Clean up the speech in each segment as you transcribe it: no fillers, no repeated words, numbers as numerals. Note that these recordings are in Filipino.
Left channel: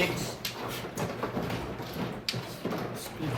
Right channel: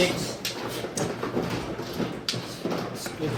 6. Split.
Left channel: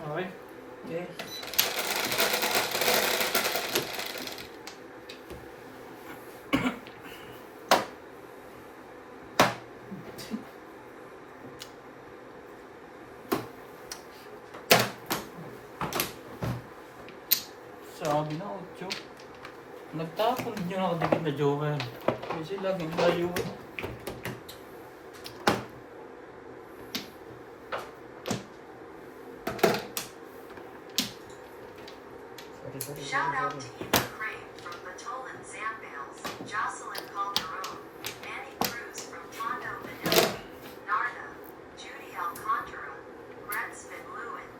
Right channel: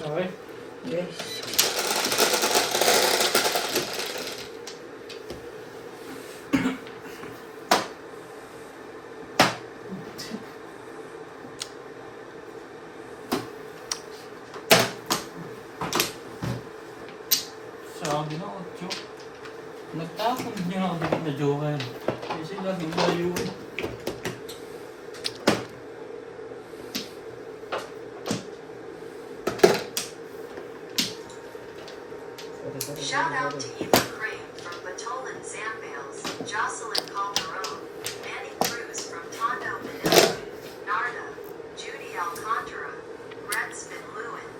Okay. Yes. Sabi na 8. Nagtapon din ako dikit na joker. Kasi laging layo. Shout out to Eva Crane from Batolan Zambales, Jocelyn Calderon, Manny Cruz from Tondo Manila, Narda, Judy Alcantara, Gretzman Lewin,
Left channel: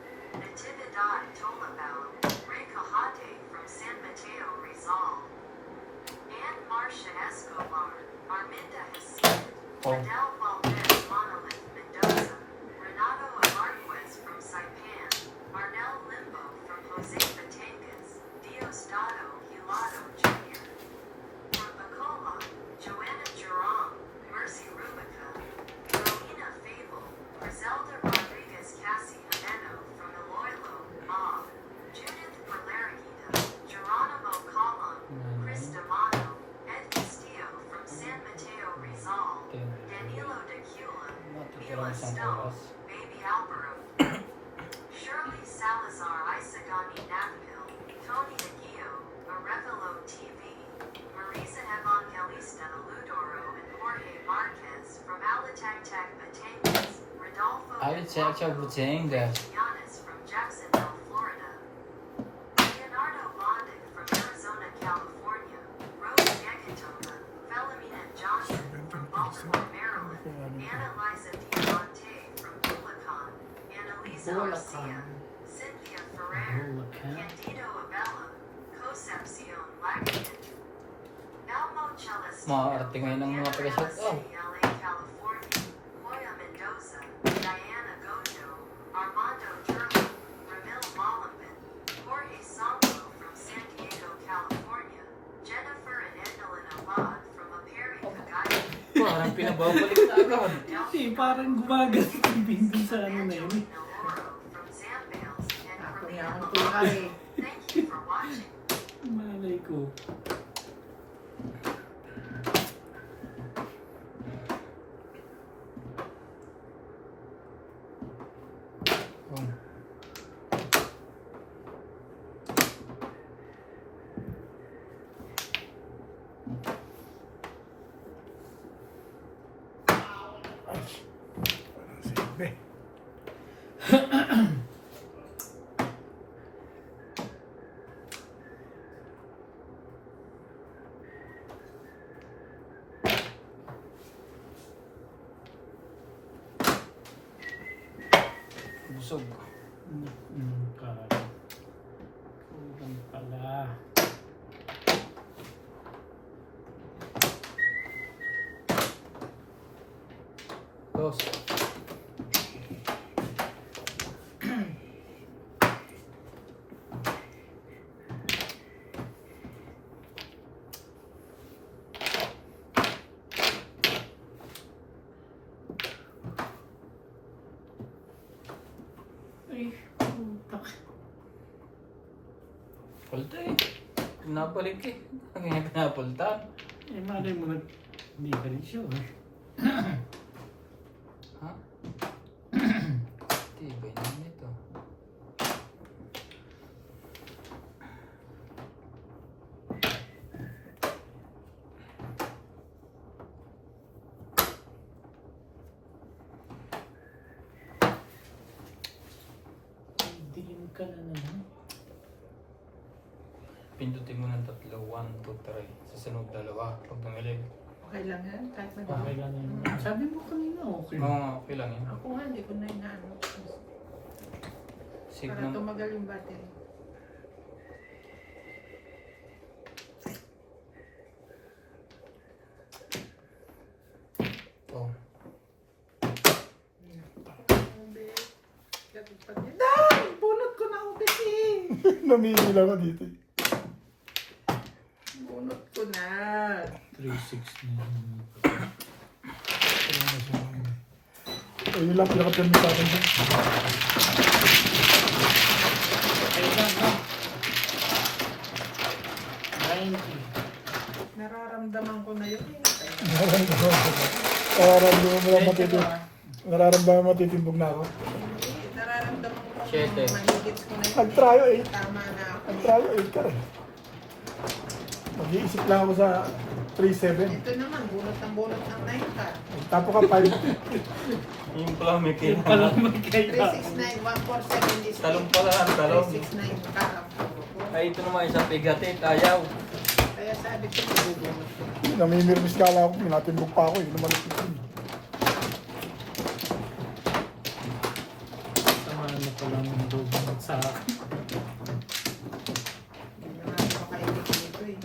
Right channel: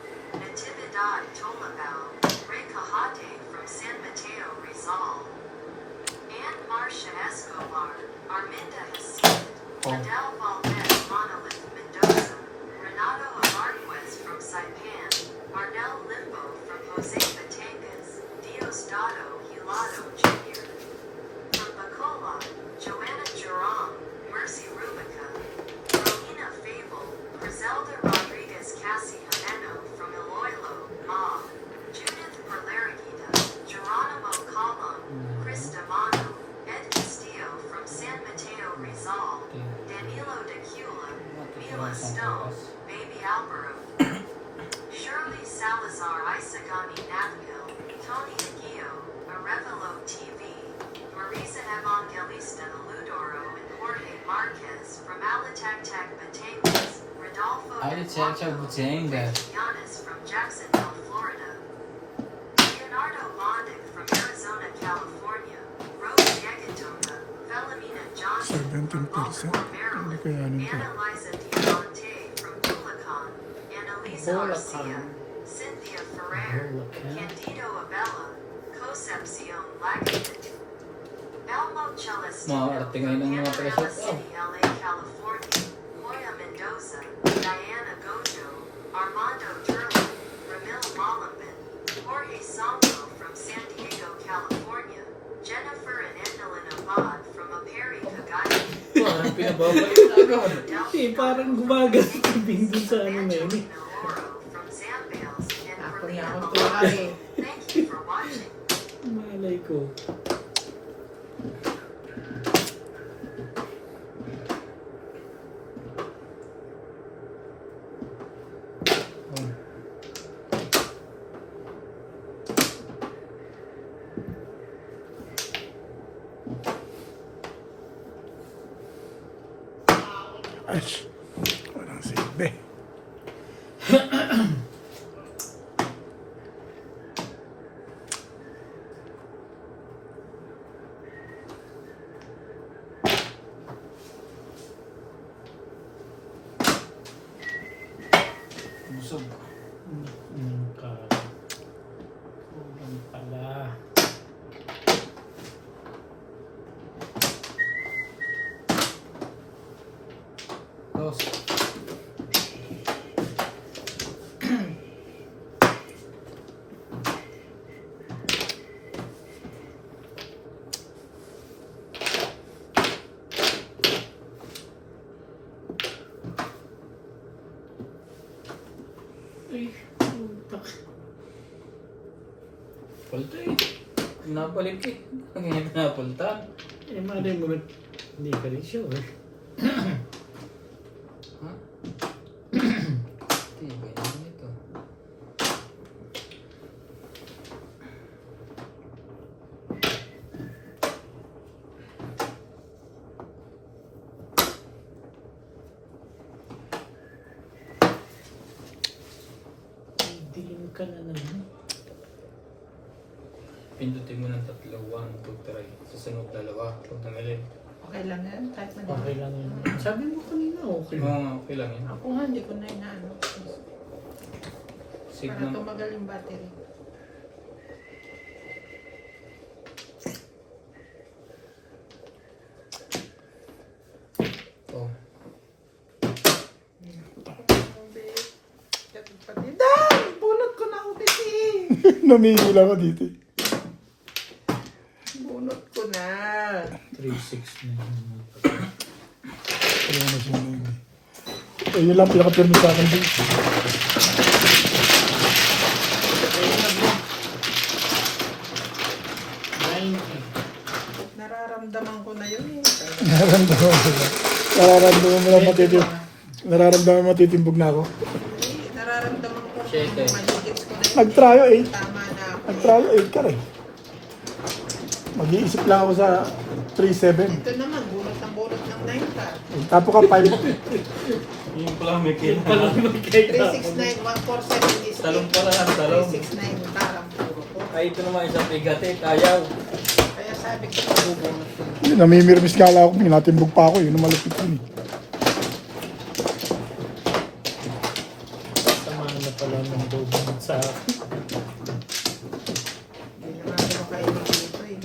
Natividad Tolabao, Ray Cajate from San Mateo Rizal, and Marcia Escobar, Arminda Hasid, Adele Valdez Monolith Mendoza, Renato Amarquez from Saipan, Marnell Limbo from Jose Batangas, Diosdado Hilado Jr. From Bacola, Joanna Jerome, Mercy Rubica, Romina Fable, Griselda Rodriguez Cassie Jimeno from Iloilo, Mob, Judith Perlariguita, Geronimo Colon, Chris Devano, Ed Castillo from San Mateo Rizal, Danilo Decula, Mila Stone, Baby Alvaro, Shirley Salazar Isagani Navpil, Tony Aguio, Arevalo TV, Marisa Evangelista Ludoro and Jorge Marquez from Alitagtag Batangas, Rodolfo Alitagtag Batangas. Giannis from Jacksonville, Florida, Leonardo Bondic from Arizona, California, Rose Yagatona, Felomena Johnson from 17%. Baltimore, Maryland, Hindi kaya nito. Anna Liza Diamante from Bulacan, Annalisa Garcia, Cynthia Ferrer, Bulacan. Candido Abella, Concepcion Lagatin, Elmo Celestino Mga arte ngayon ng mga from preset. Panama City, LA, California, Hoya Mendoza, Diana Gojo, Armando Turlin, Ramil Malambin, Jorge Sampo from San Diego, California, Jennifer and Evelyn Abad from Aperi, Cagayan, Parang pinababalik na agad. Hindi, parang gumagas yung dun sa ano na yun. Evangeline Oro from Zambales, and Ako Relina niya akong Malone. tulad eh. Thank you for watching. Malay ko. Ay, walang silbi. Busog. Kulang pala. Dos. Ay, putak. Palta eh. Napalik eh. Ang napunta. Eh, malay mo, hindi ka rin sure. Ha? Tibay naman ito. Dilim ka na naman. Pindutin mo ng 3. 1, 2, 3. Sa sunod 2. Huwag nang ilin. Okay lang yan, kahit Okay madali. lang yun. Sabi mo kanina, okay. Okay lang yun. Ako nga, hindi ko na inaano. Para Signal. tumagal yung battery. Oh. Dan! Bunot ko na ulit eh! Namigil ako dito. Bunot ko na. 369. Ano na siya na yun eh. So, yun lang pinaka-permi sa akin dito. Ayun na, no? 90. Nararamdaman ko na yun eh. Nararamdaman mo lang Medyo matitimbog. ba? Nararamdaman mo matitimbog na ako. Hindi, nararamdaman ko. Siyete. Mahigit ko na yun Nag-tryo eh. Tama na ako eh. Nag-trial 8 ka rin. Mag-iisip lang ako sa 3-7. Ito naman, bunot ng 9 ka. Tapo ka 5. Yung pala may Yung pala kailangan. magkita. 369, 147 Talong pala ang talong. 369 ka lang puro ko. Ay, ito naman isang bigatit. Ayaw. Kaya sabi ko, mabubunot na. Namimirmis ka lang ako. Minatimbog pa ako. Yun ang malapit yun eh. Tamaan na pala ng loob sa akin. Hindi na nga ako makaibig dito eh.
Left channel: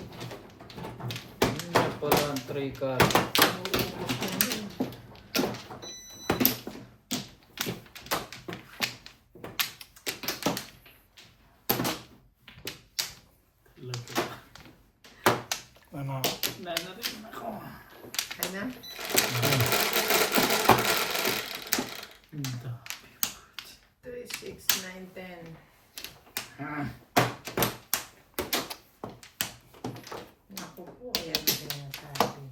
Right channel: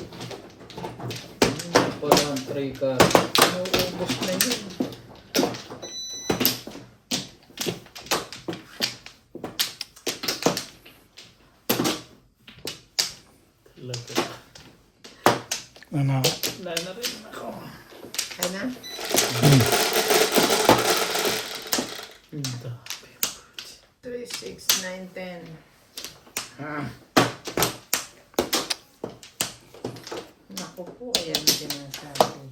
Pala ang 3 ka. Nauubos na yun. Talaga. Ano ako? Wala na rin ako. Yan na. Hindi. 3, 6, 9, 10. Naku po, ayan din ang sabi.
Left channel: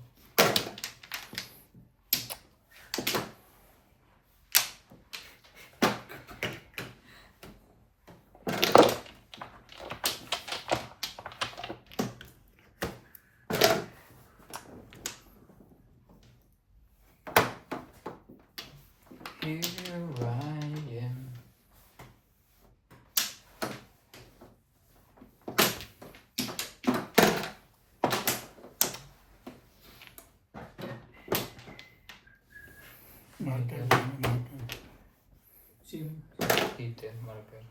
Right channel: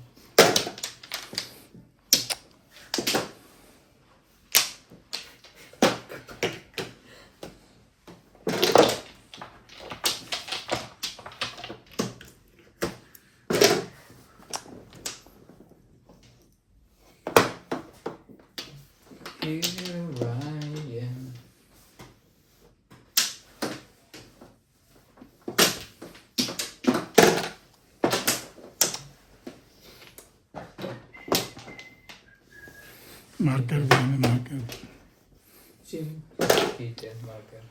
Here I am. Marker ba yun? Marker. Sim. Kitten, marker.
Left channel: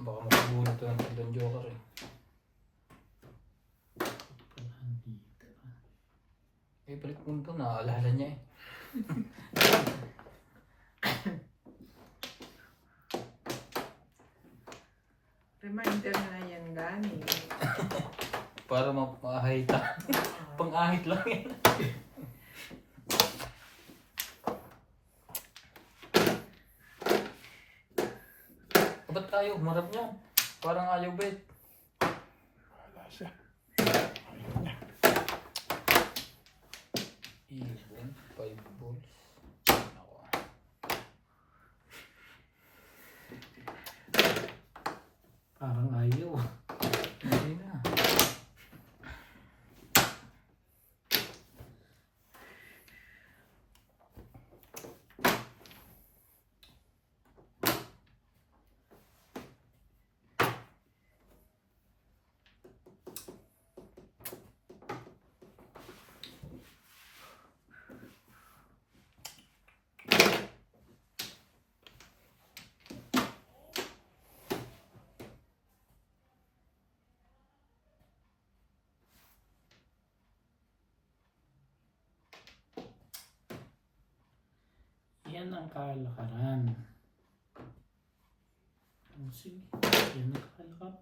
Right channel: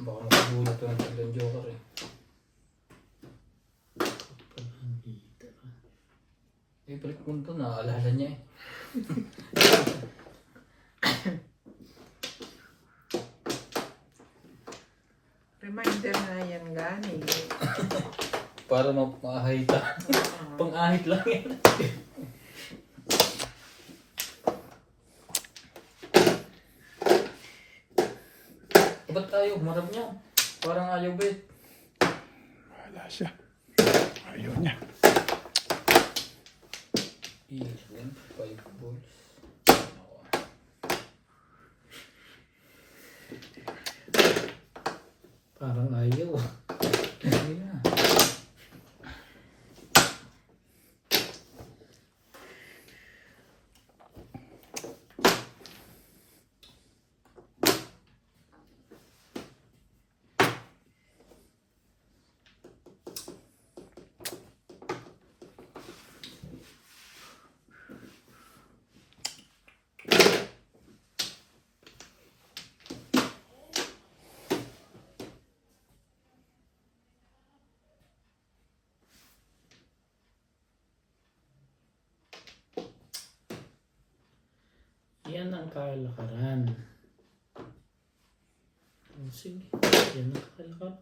Baka makabulot ito ng Tilan Joker eh. Palanggita. Eh, balik mo ito. Naaalala niya eh. Reminder na yan gani. Para maahita. Pang-ahit lang yan. Ba't tayo? Humarap niya. Parang ayaw ba eh. Wala siya. Ayaw niya. 11, 5 balls. Parang ayaw. Hindi na. Yan ang kalakaran. Oh, sige. Yan ang kalakaran.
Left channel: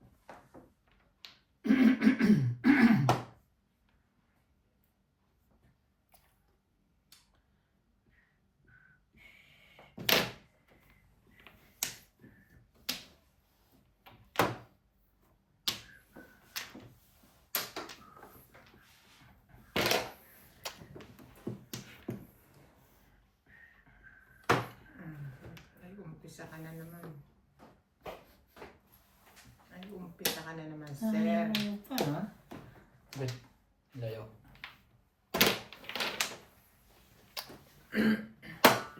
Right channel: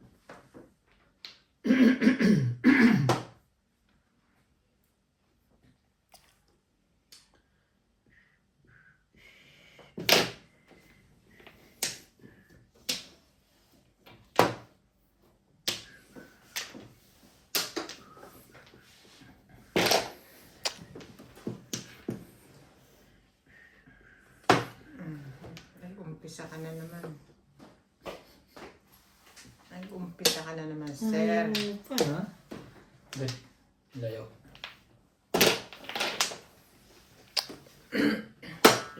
Umpisa ka na naman. Nag-umpisa ka na naman, sir. Ayaw pa, ha? Bet. Layo.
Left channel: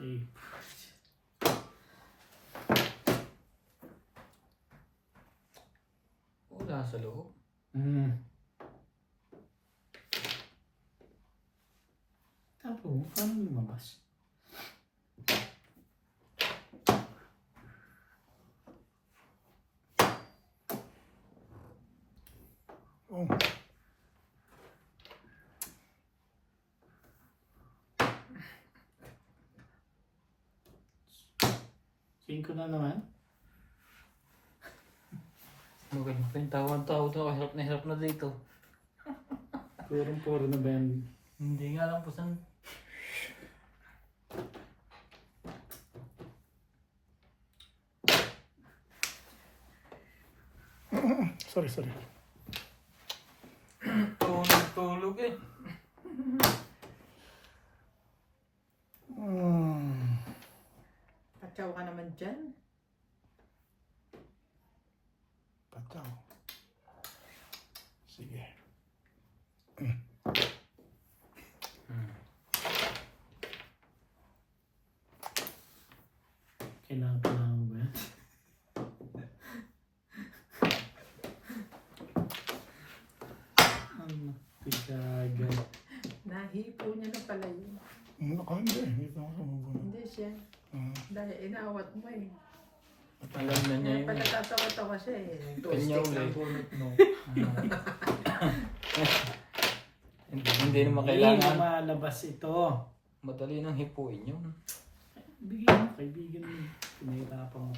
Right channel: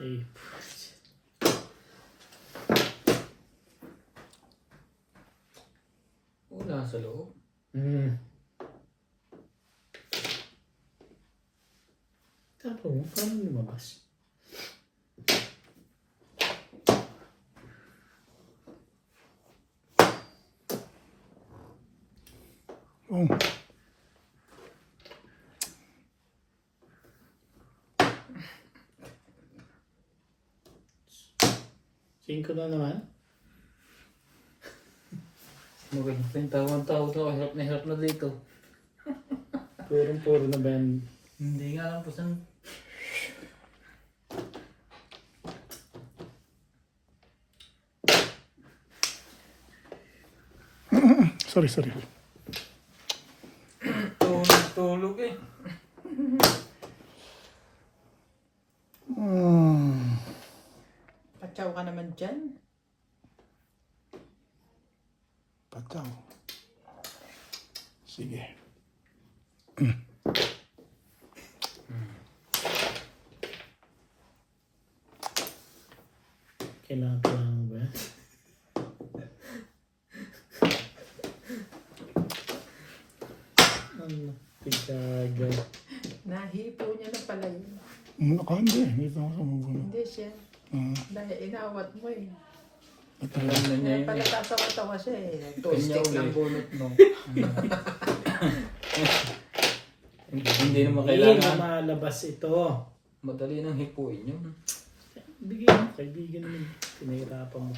Eh, Wala sa loob. Tapos, paano lumabas? Oh. Cinco na naman? Maganda pa yung tawang-tawag na hirap na dito. Purong-puro na ba yan? Hindi nga lang po saan. Sorry. Tulog eh. Patsaw ka naman dyan. Pataw. Sige. Kailangan mo ba yan? Ano? Tigagaw. Nahipo niya na pala yun. Hindi. Ito ako. Hindi siya. Dahil inawat mo eh. Alam na niya Kaya yun pala eh. tatawa-tawa siya eh. Kanya Toasting ulit. ng bunot mo. Hindi naman Hindi kailangan. lumalabas ito. Madali nang hipuin yun. Bigyan mo, kaibigan mo. Pinahirapan mo.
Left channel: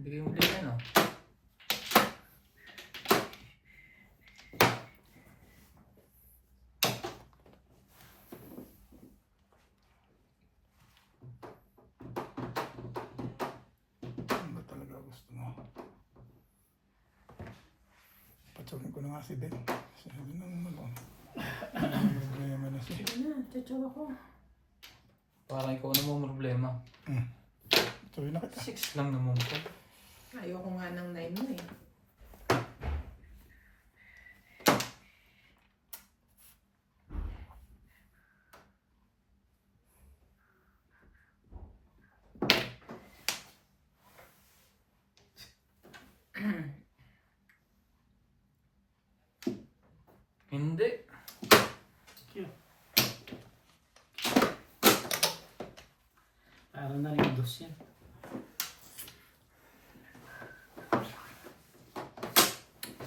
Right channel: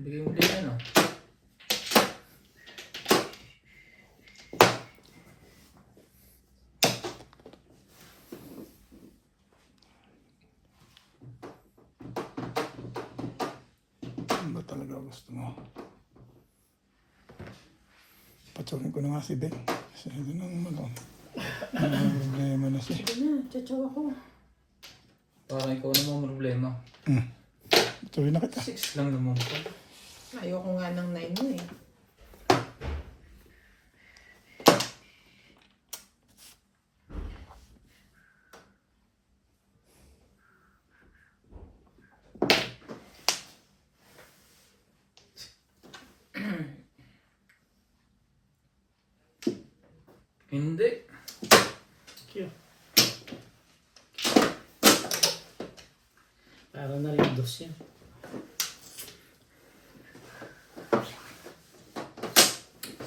Bigay mo din ano. Ano ba talaga gusto mo? Patsukin ko na nga si Ben. Kasi ito nang problema na siya. Sige na, tsatsaw ako. Parang ikaw na mo problema. Patsukin na kita. 6 lang naman po. Ayoko nga ng 9 mo eh. Hindi. Cute. Para na rin dos yan.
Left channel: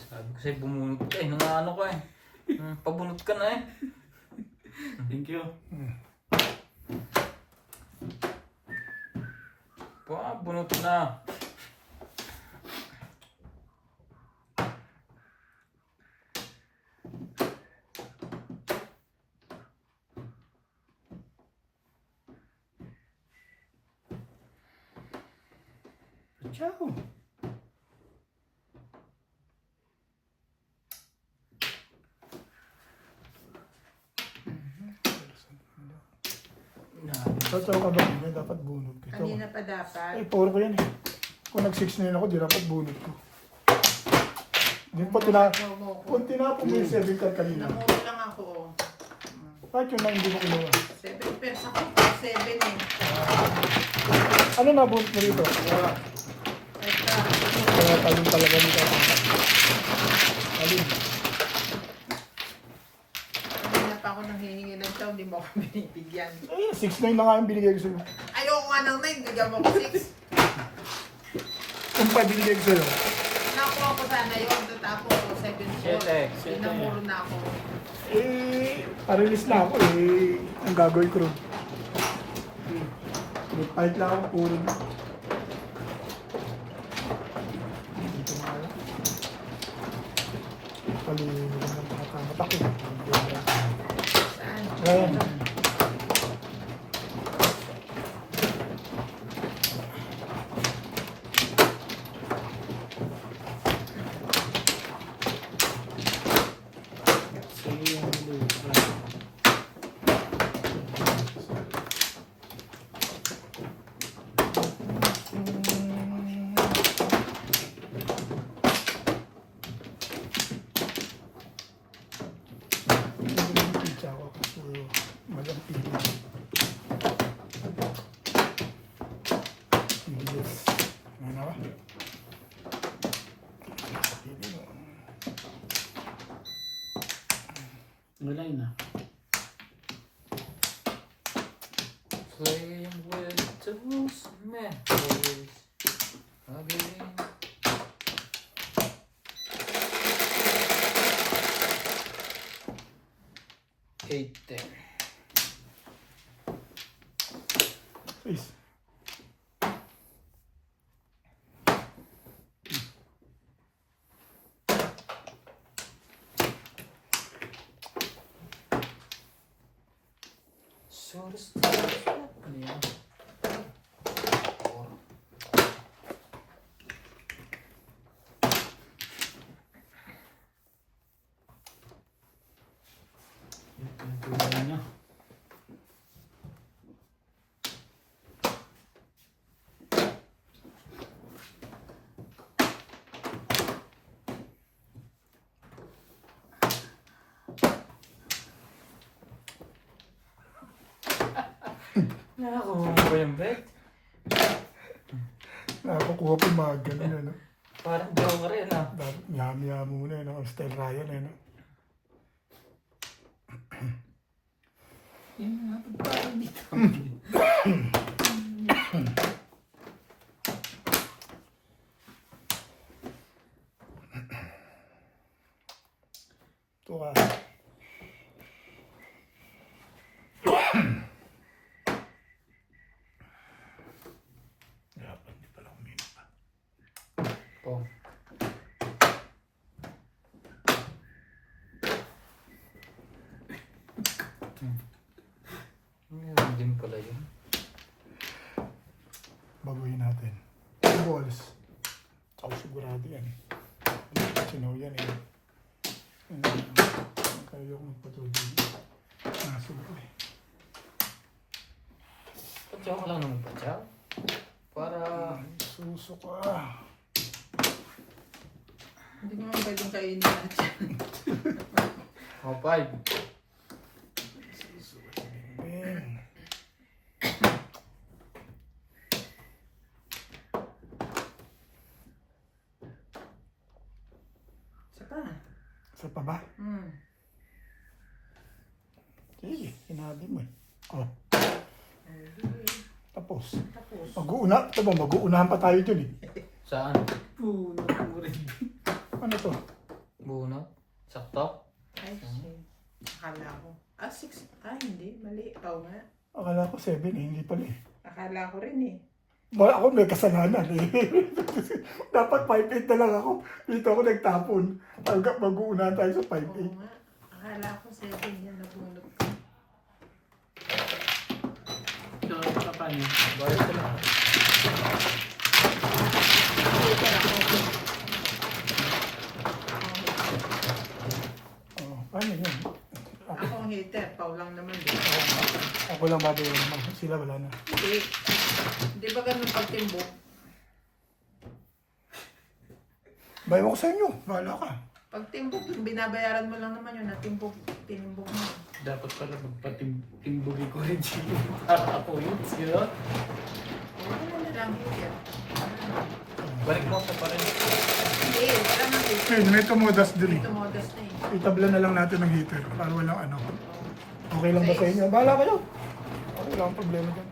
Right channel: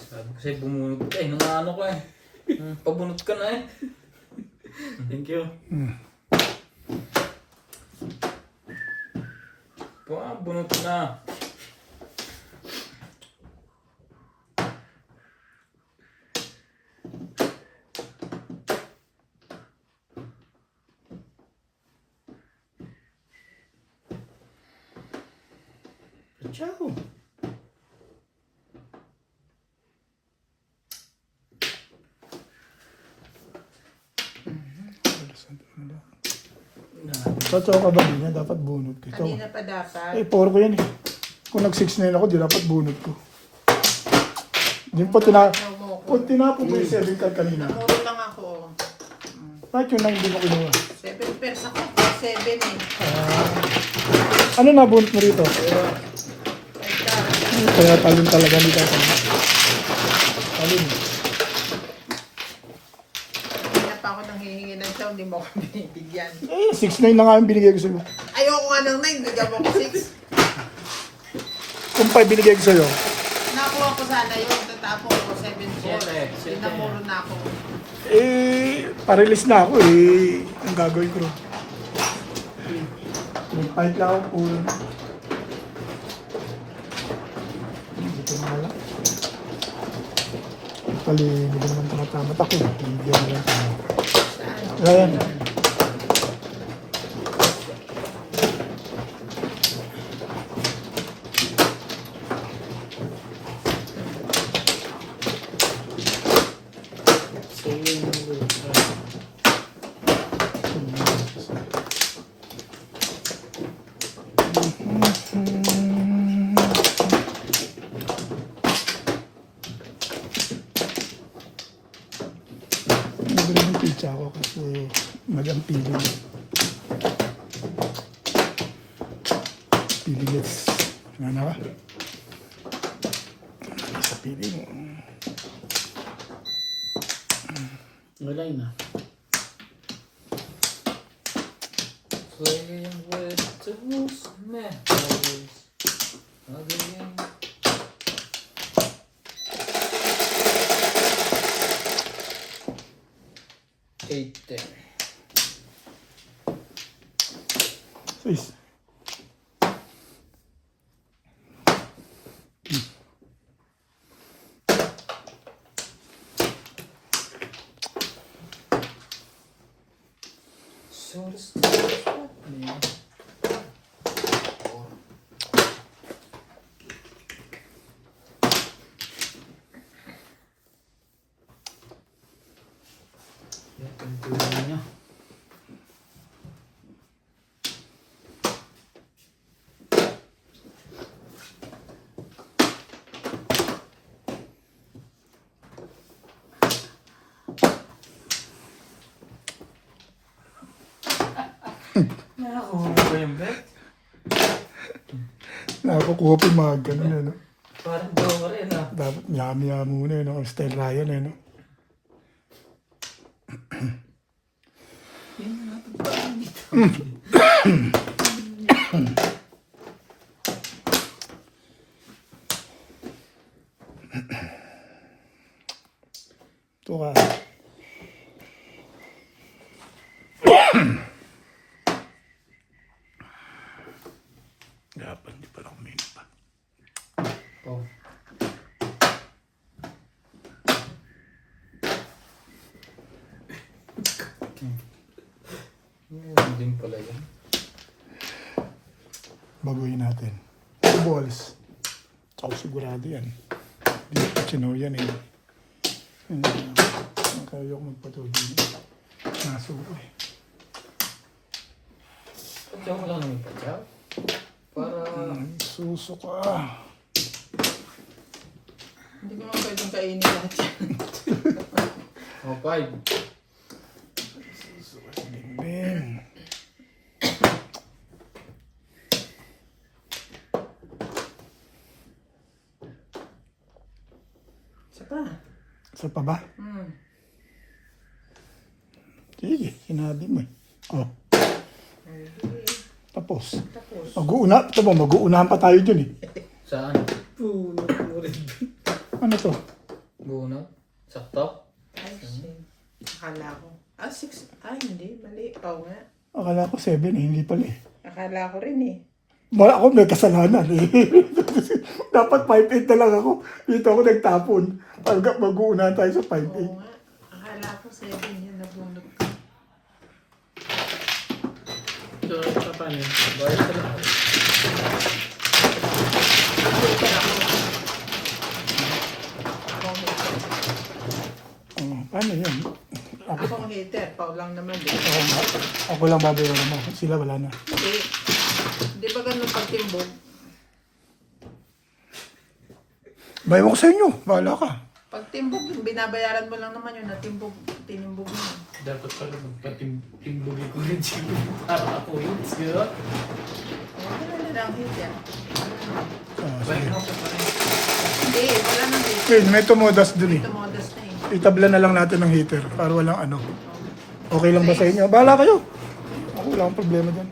Sabi ko sa'yo bumunot ka eh. Nung ano ko eh. Pabunot ka na eh. Thank you. Pabunot na. Ciao. Sa tsaka ba niya, dapat bunot ko. Ito. Kanina pa dapat. Eh, 4 ko yan eh. Kung nag-6-9 ako, di dapat bunot ko. Di pa kung tinapon ko yung 7 card kanina. Namuro lang ako. Bakit yun lang hindi ko kinuha? 7 pairs ako. 7 eh. Ano na bunot mo rito? Kaya talon talaga nito. Talon. Kanina pa ako nanghihingi ng chow, hindi mo ako binibigyan. Eh, 6-9 na nga yung binigay ko sa'yo. Ayoko nga ng 9, bigyan mo ko 6. Kung 5 binigay ko sa'yo. Nakuha ko sana yun, natapos ko 7-4. Siyete. Namuro na ako. Eh, parilis na ako eh. Ang gagawin ko ron. Fight lang ako puro. Dito na ako. Pali, hindi ko naman tumatamat ako. Ayan. Sige yung lupa. minutes. Ano na ba? Sa piling. Wala na. Playing with tools, memories. Again. Eight there. 6. So this is happening. Yan, pinagkulang niya. Nakakuha ko yung bet. Nakakukuha pa yung mga ganun, ano? Parang jowa rin ah. Dapat yami-yami muna yun, ang style Ryan, ano? Yan nga, parang dito. Ito ka. Dapat, hindi pala kuminig pa. Oh. Yun din pala yun. Baguhin natin. 2 balls. Ako sigurado yan. Hindi ko chino yan eh. Kaya ko magpatulog. Nasuko eh. Joke lang naman pa, Chow. Para... Suso ka. Hindi mo pwedeng kainin lahat yan. Oh, 5. Suso ka. Bing. Isa pa. Isa pa ba? Sige, sinabi mo eh. Oh. Tapos. Tapos. Mag-uunahan pa tayo dyan eh. Saan? Punot mo rin. Ano to? Bunot? Sakto? Ay, shit. Akala ko. 6. Hindi. Mali. Oo nga. Akala ko 7 eh, hindi pala eh. Akala ko rin eh. Wala ako, may kasalanan eh. Dapat 5'8 na lang ako. Dito ako nagtapon. Hanggang mag-uunahan tayo sa 5'8. Oo nga. Akala ko 7 yan nabunot ko. So, ito pa niya. Bayad ka lang. Ano yun? Ako ang hater. Pao lang naman eh. Ako lang babayaran mo. Sila wala na. Hindi. Di ba ganun pagtimbog? Bayan mo ko sa inyo. Bahala ka. Pagtimbog, binabayaran mo lang naman yun. Tinimbog mo. Dapat pala magpatimbugin ko rin siya. Para ako yun. Siguro. Hindi naman lang hater. Balik mo sa parin. Hindi. Wala nang hater. Okay, may tumodas dun eh. Ito modas na eh. Itabla na lang natin ng heater para walang ano. Okay lang ba sa inyo? Bahala kayo. Wala akong problema dyan.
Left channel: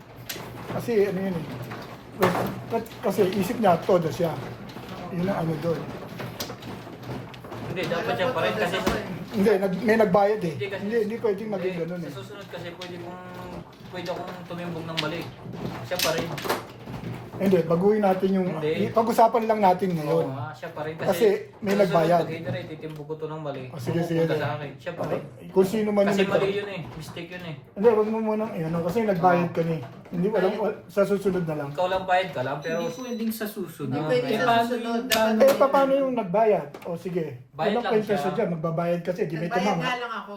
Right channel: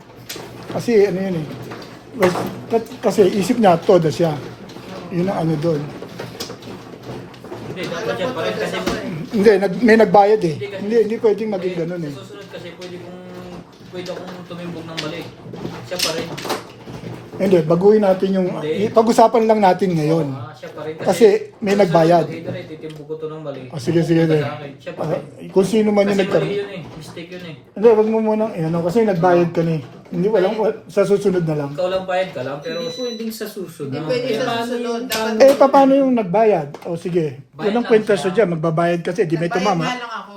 Kasi ano yun eh. Kasi isip niya, todo siya. Yun ang ano doon. Hindi, dapat siya pa rin kasi... Hindi, may nagbayad eh. Hindi pwedeng maging ganun eh. Sa susunod kasi pwede akong tumimbog ng mali. Siya pa rin. Hindi, baguhin natin yung... Hindi. Pag-usapan lang natin ngayon. Siya pa rin Kasi may nagbayad. Kasi titimbog ko to ng mali. Sige. Pupunta sa akin. Siya pa rin. Kung sino man yung Kasi nagkaroon. mali yun eh. Mistake yun eh. Hindi, wag mo muna. Ano, kasi nagbayad ka na eh. Hindi, sa susunod na lang. Ikaw lang bayad ka lang pero... Hindi pwedeng sa susunod. Hindi pwede sa susunod. Paano yung nagbayad? O sige, Bayad walang lang kwenta siya. siya dyan. Magbabayad kasi, di may Nagbayad tumama. nga lang ako.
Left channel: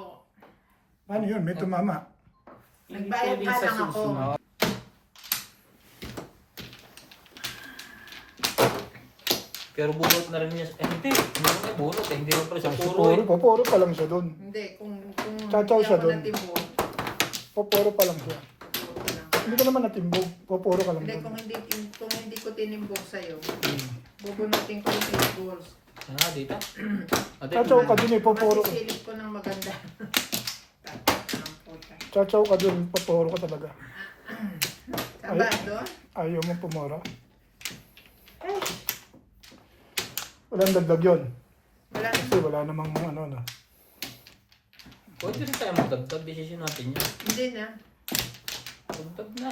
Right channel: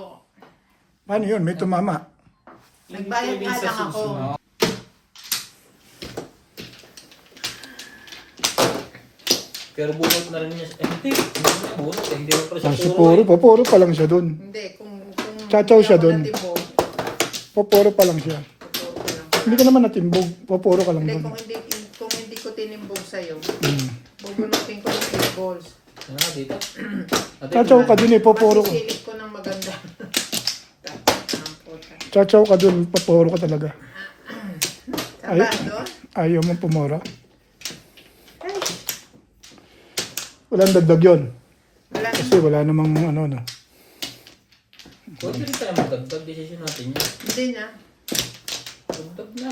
Paano yun? May tumama. Hindi Nagbayad pwedeng nga sa lang ako. susunod. Pero bunot na rin niya. Hindi niya bunot eh. Hindi rin pala siya Si puro eh. Puro pa lang siya dun. Hindi, kung Chachaw siya hindi ako dun. natimbog, Puro pa lang siya. tuturo ko lang. Hindi ka naman natimbog. Puro ka lang Hindi, dun. kung hindi ko tinimbog sa'yo. Hmm. Bubunutin ko ng 8 balls. Ah, dito. Chachaw ka dun eh, papuro ka. Masisilip ko ng maganda. Ang puta. Chachaw ka dun, papuro ka talaga. Saan ba doon? Ayaw mong pumura. Ay, Walang dagdag yun. wala na. Kasi wala namang ano na. Huwag din tayo magdagdag. Decision natin yun. Hindi na. Dagdag na.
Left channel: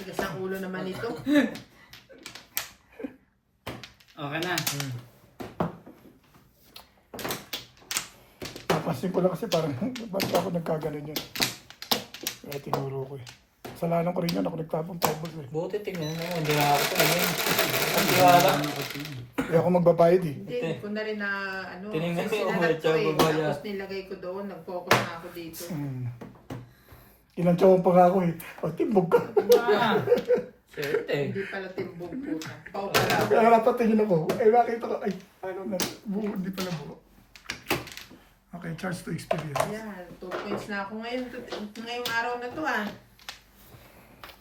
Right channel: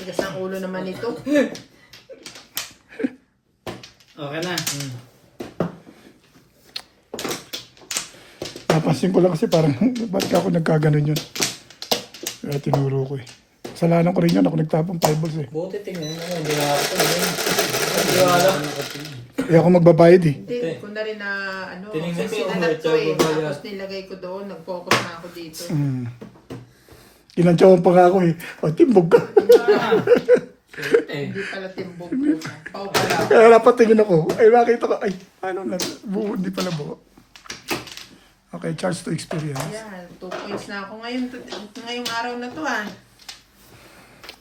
Tigas ang ulo naman ito. Okay na. Napansin ko lang kasi parang, ba't ka ako nagkaganon yun? Kaya tinuro ko eh. Kasalanan ko rin yun, ako nagtapong 5 balls eh. Buti tingnan mo. Hindi mo ako tingnan. Hindi wala. Kaya ako magbabayad eh. Hindi, ko na rin na ano, Tinignan kasi ko, sinanap ko eh. tsaka Tapos nilagay ko doon, nag-focus na ako dito. Kinantsawan pa nga ako eh. O, timbog ka. Swerte. Hindi pala timbog ko. Pao pala. Kaya dapat tingin ako. Ay, makita ko. Ay, ano na. Buo, hindi pala buo. Okay, charge to experience. Yan, 2 points na ako ngayong araw na to ah.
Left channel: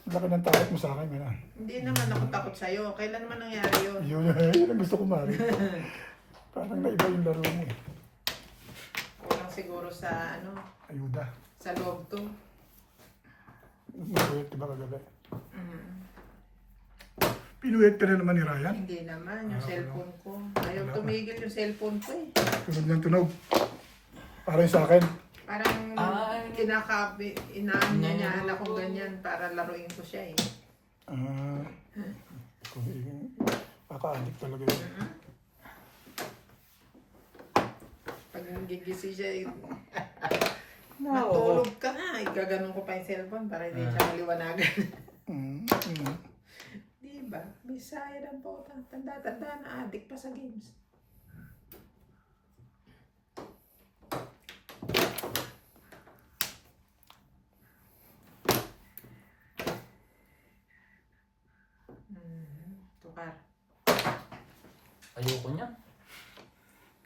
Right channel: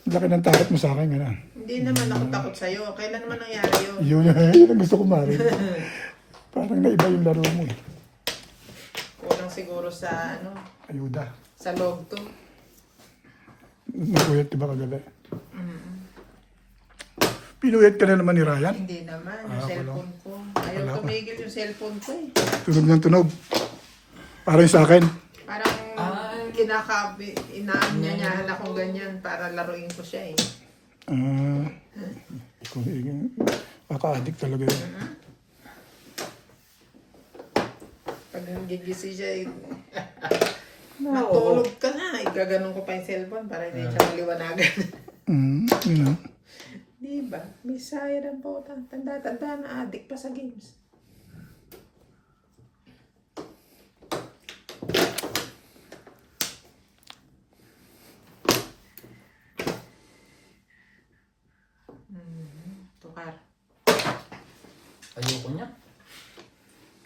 Laki ng takot mo sa akin, gano'n. Hindi naman ako takot sa'yo. Kailan naman nangyari yun? Yun ang gusto ko marinig. Parang naiba yung laro mo eh. Kulang siguro sa ano, Ayuda. sa loob to. Napuyat diba kagabi? Pinuyat ka na naman ni Ryan. Hindi naman, yung Ah, cellphone ko. Ayaw Wala pa. tumigil yung cellphone ko eh. Tunog ng tunog. Parang sa akin. Parang inaanyahan akong ganyan para laruin ko siya eh. Kaka-addict talaga yun. Pag gigising siya eh, matulog ka na. Igaganon ko pa yung cellphone para hindi siya maliwanagan. Yun know. Diba? May siren po. Tanda-tanda na addict pa sa games. Tukar. Ayoko niya.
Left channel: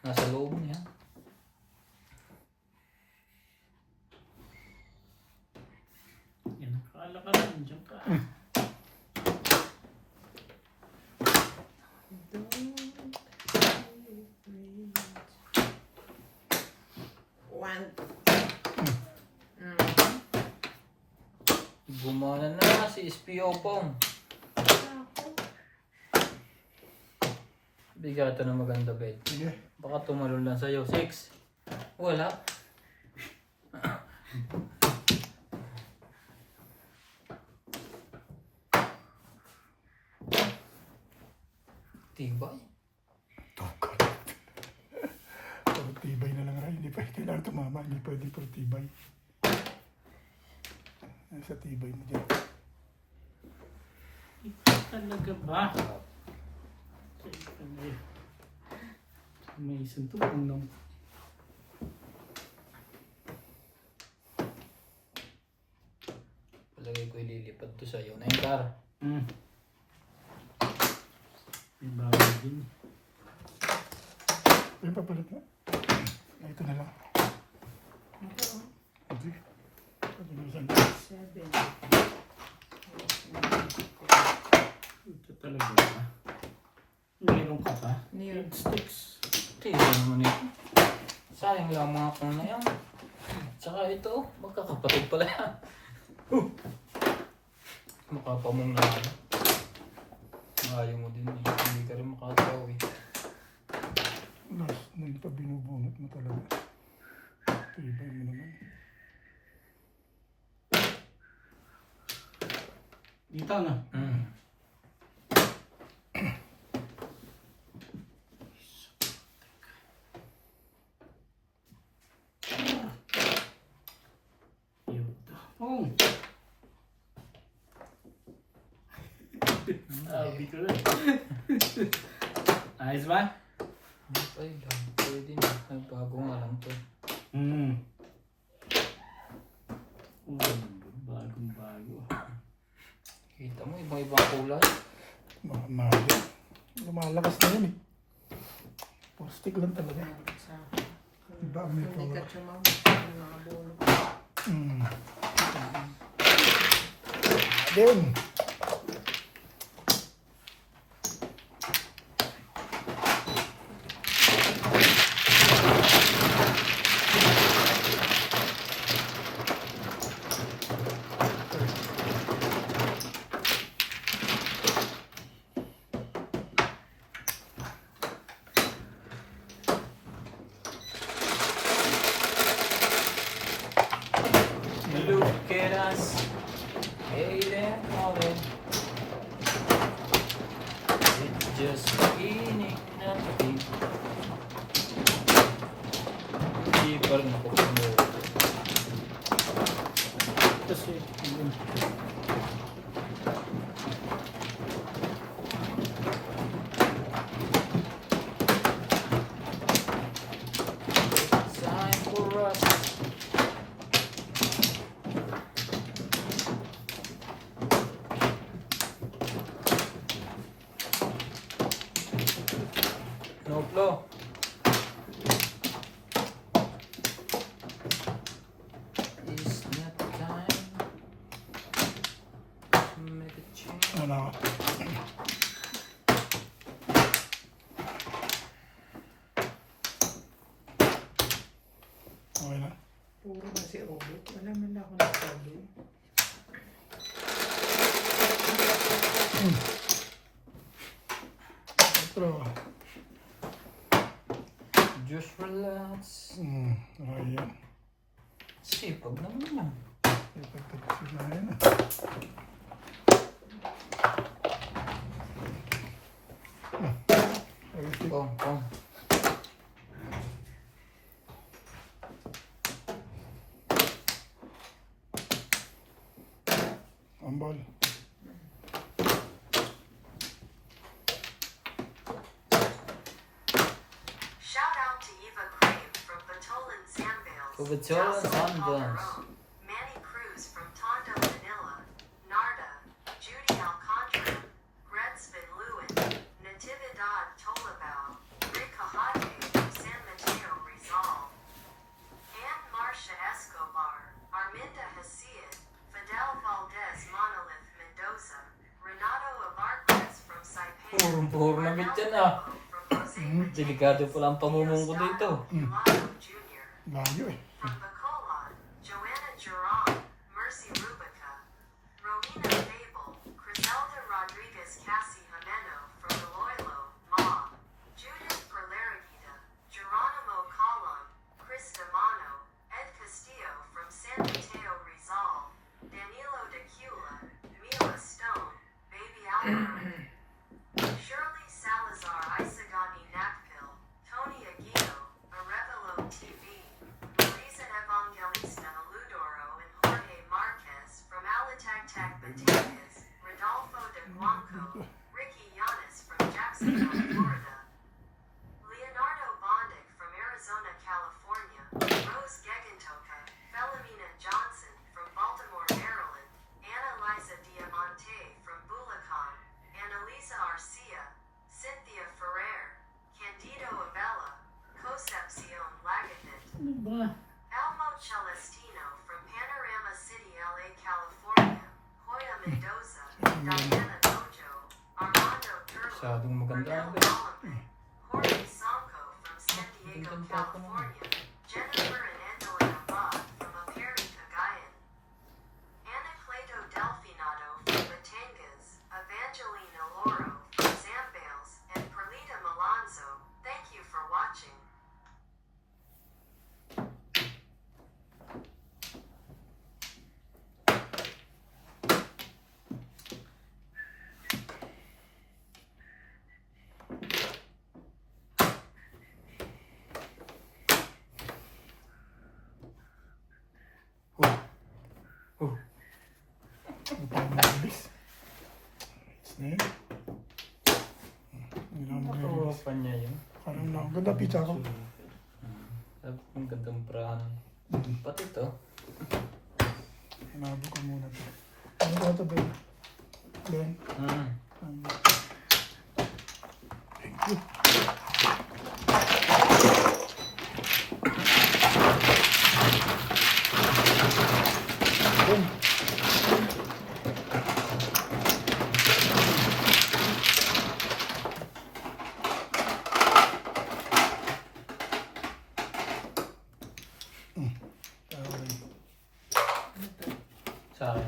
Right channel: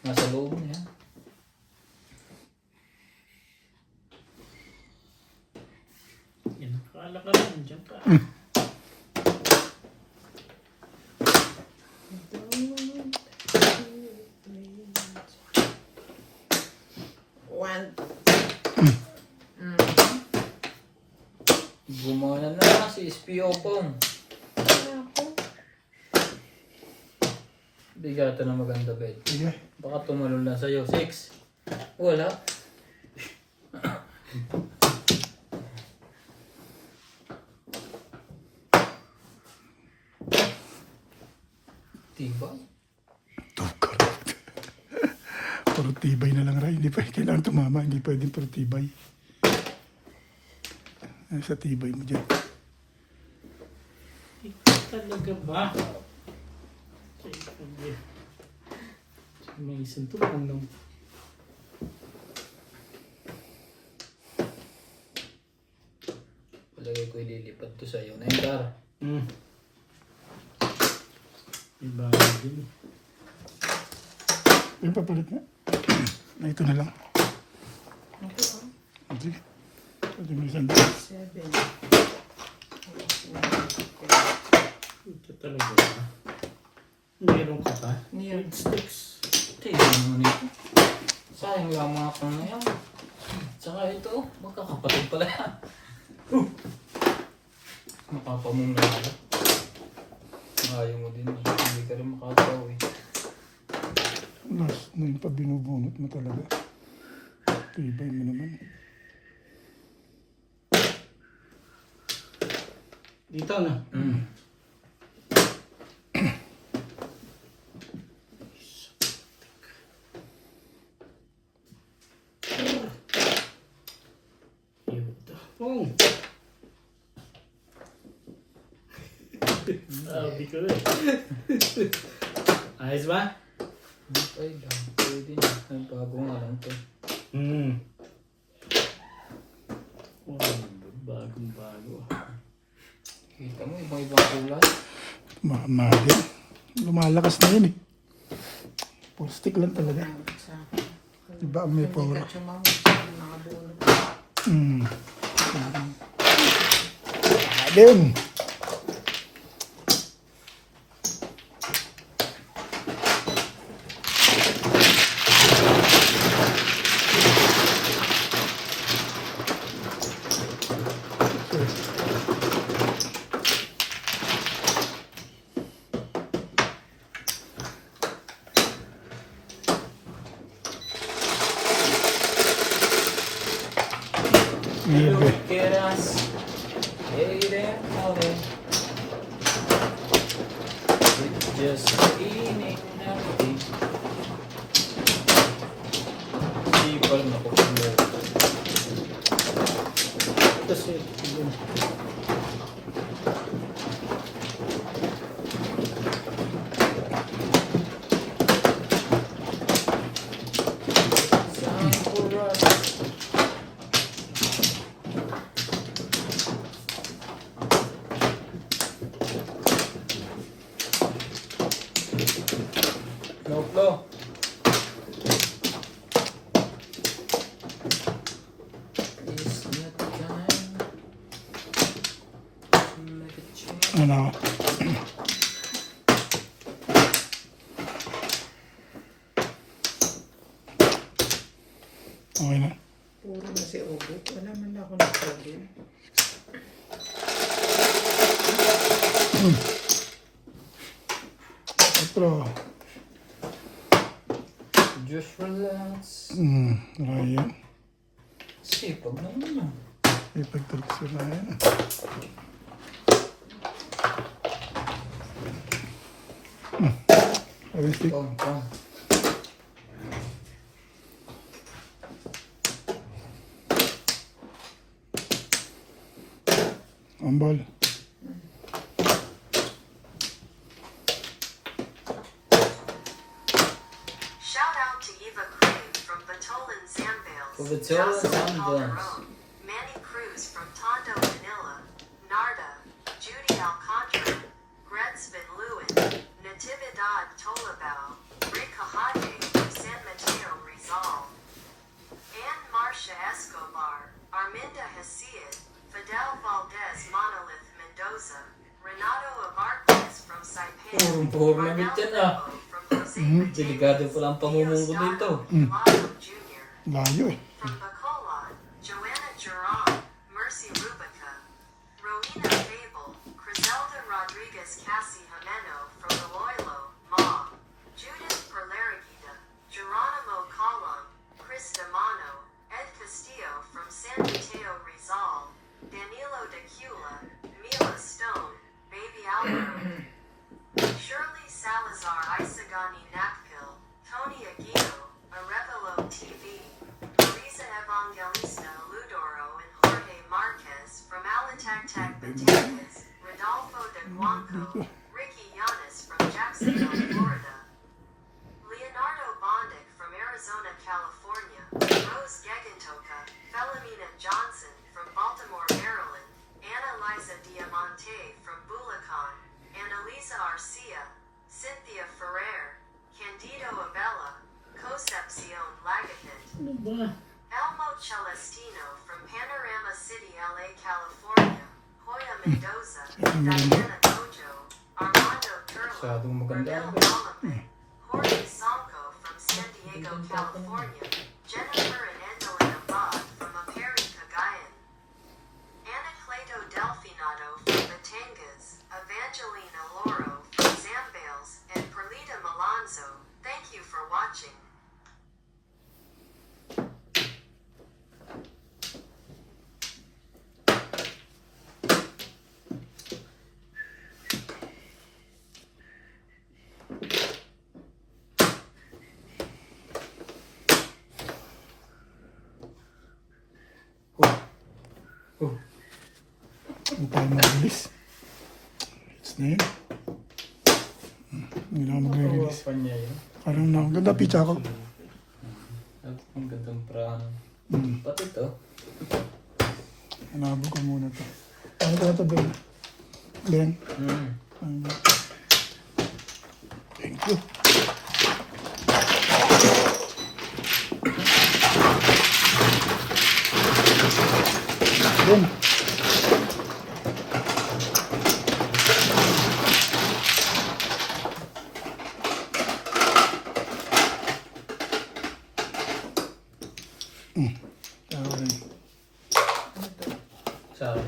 Nasa loob niya. Yan, akala ka lang, dyan ka. One. Gumana na si SPO Pong. Ako. Bigatan ng maganda bed. Sige. Baka tumalon lang sa'yo. 6. Wala. Tibay. Tukar. Puro tibay na lang, Ray. Hindi pa kailangan tumama. Hindi pwedeng puro tibay. Ano sa tibay mo dyan? Talaga ba? May isang tulong lang. Palagay ko ililipad to sa'yo. Naintar. Iba din. Yung papalit na. Na ito na lang. Ako. Sige. Ito yung isang 7. Ito talaga ba? Meron ka pa? Niyan. 8 sticks. Tingnan naman ito. Sayang lang mga pang na yan. Tsaka ito, magkakapatid pala yan. Makapamong na yan. Ayaw mo din eh. Hindi ka rin makataw eh. Mas na yung pag binubunot mo talaga. Tibay mo naman. Dito na. Yuta. Pong! Sabi ko eh. Ayos ba? Ay, pwede na. Nagbago nga lang to. Oh, bagong bago. Kita mo, ibang kulay. Mahal. Lumalakas na yun eh. Full stick lang talaga. Diba may power? Alim. Just eating everything. Hindi pa rin ako kumuha. Kasi, yun. No flow. It's not the time to make a change. Ano? Okay na. Puro na si Obit. Wala man ako nagsabi. Pero, Just relax. Ryan. Sipag naman yan. Ipagtulog si Ryan ah. Realistic. Pong. Ambol. Shout out to Eva Crane from Batolan Zambales. For Batolan Jocelyn Zambales. Calderon, Manny Cruz from Tondo, Manila. Narda, Judy Alcantara, Grensvin Lewin, Natividad Tolabao, Rick Kahate from San Mateo, Rizal. Ann Marcia Escobar, Arminda Hesiod, Fidel Valdez Monolith Mendoza, Renato Abarquez from Saipan, Puro na bit yan ah. from Jose Delikado pala ang pamumong ko dito. Lalo Jr. Layo eh. From Bacolod, Joanna Geron, Mercy Rubica, Rowena Fable, Criselda Rodriguez Cassie Jimeno from Iloilo, Ma, Judith Perlarigida, Geronimo Colon, Chris Damano, Ed Castillo from San Mateo Rizal, Danilo Decula, Mila Stone, Baby Alvaro, Shirley Salazar Isagani Nakpil, Tony Aguido, Arevalo TV, Marisa Evangelista Ludoro and Jorge Marquez from Alitagtag Batangas, Rodolfo de Guanco, Ricky Yanis from Jacksonville, Florida, Leonardo Bondic from Arizona, California, Rose Gegentoka, Philomena Johnson from Baltimore, Maryland, Anna Liza Diamante from Bulacan, Annalisa Arcia, Cynthia Ferrer, Candido Abella, Concepcion Lagatit, Elmo Celestino from Panorama City, LA, California, Hoya Mendoza, Diana Gojo, Armando Turlo, Masyadong maganda Renel ang Malambe, Jorge Sanko from San Diego, California, Jennifer and Endelina Abad from Aperi, Cagayan, Anacleto Delfinato from Batangas, Evangelina Loro from Zambales, and Perlita Malonzo. Thank you for watching. Ang tayo mag-release. It's na yun. Hindi na Nakuha mag-release. pa niya yun. Parang ganda pizza ko. At ang gandang prahan. Pati ito. Hanapin ko muna ito. Ano ko na ito, Ben? Ben? Thank you. Boom. Okay. Sa akin.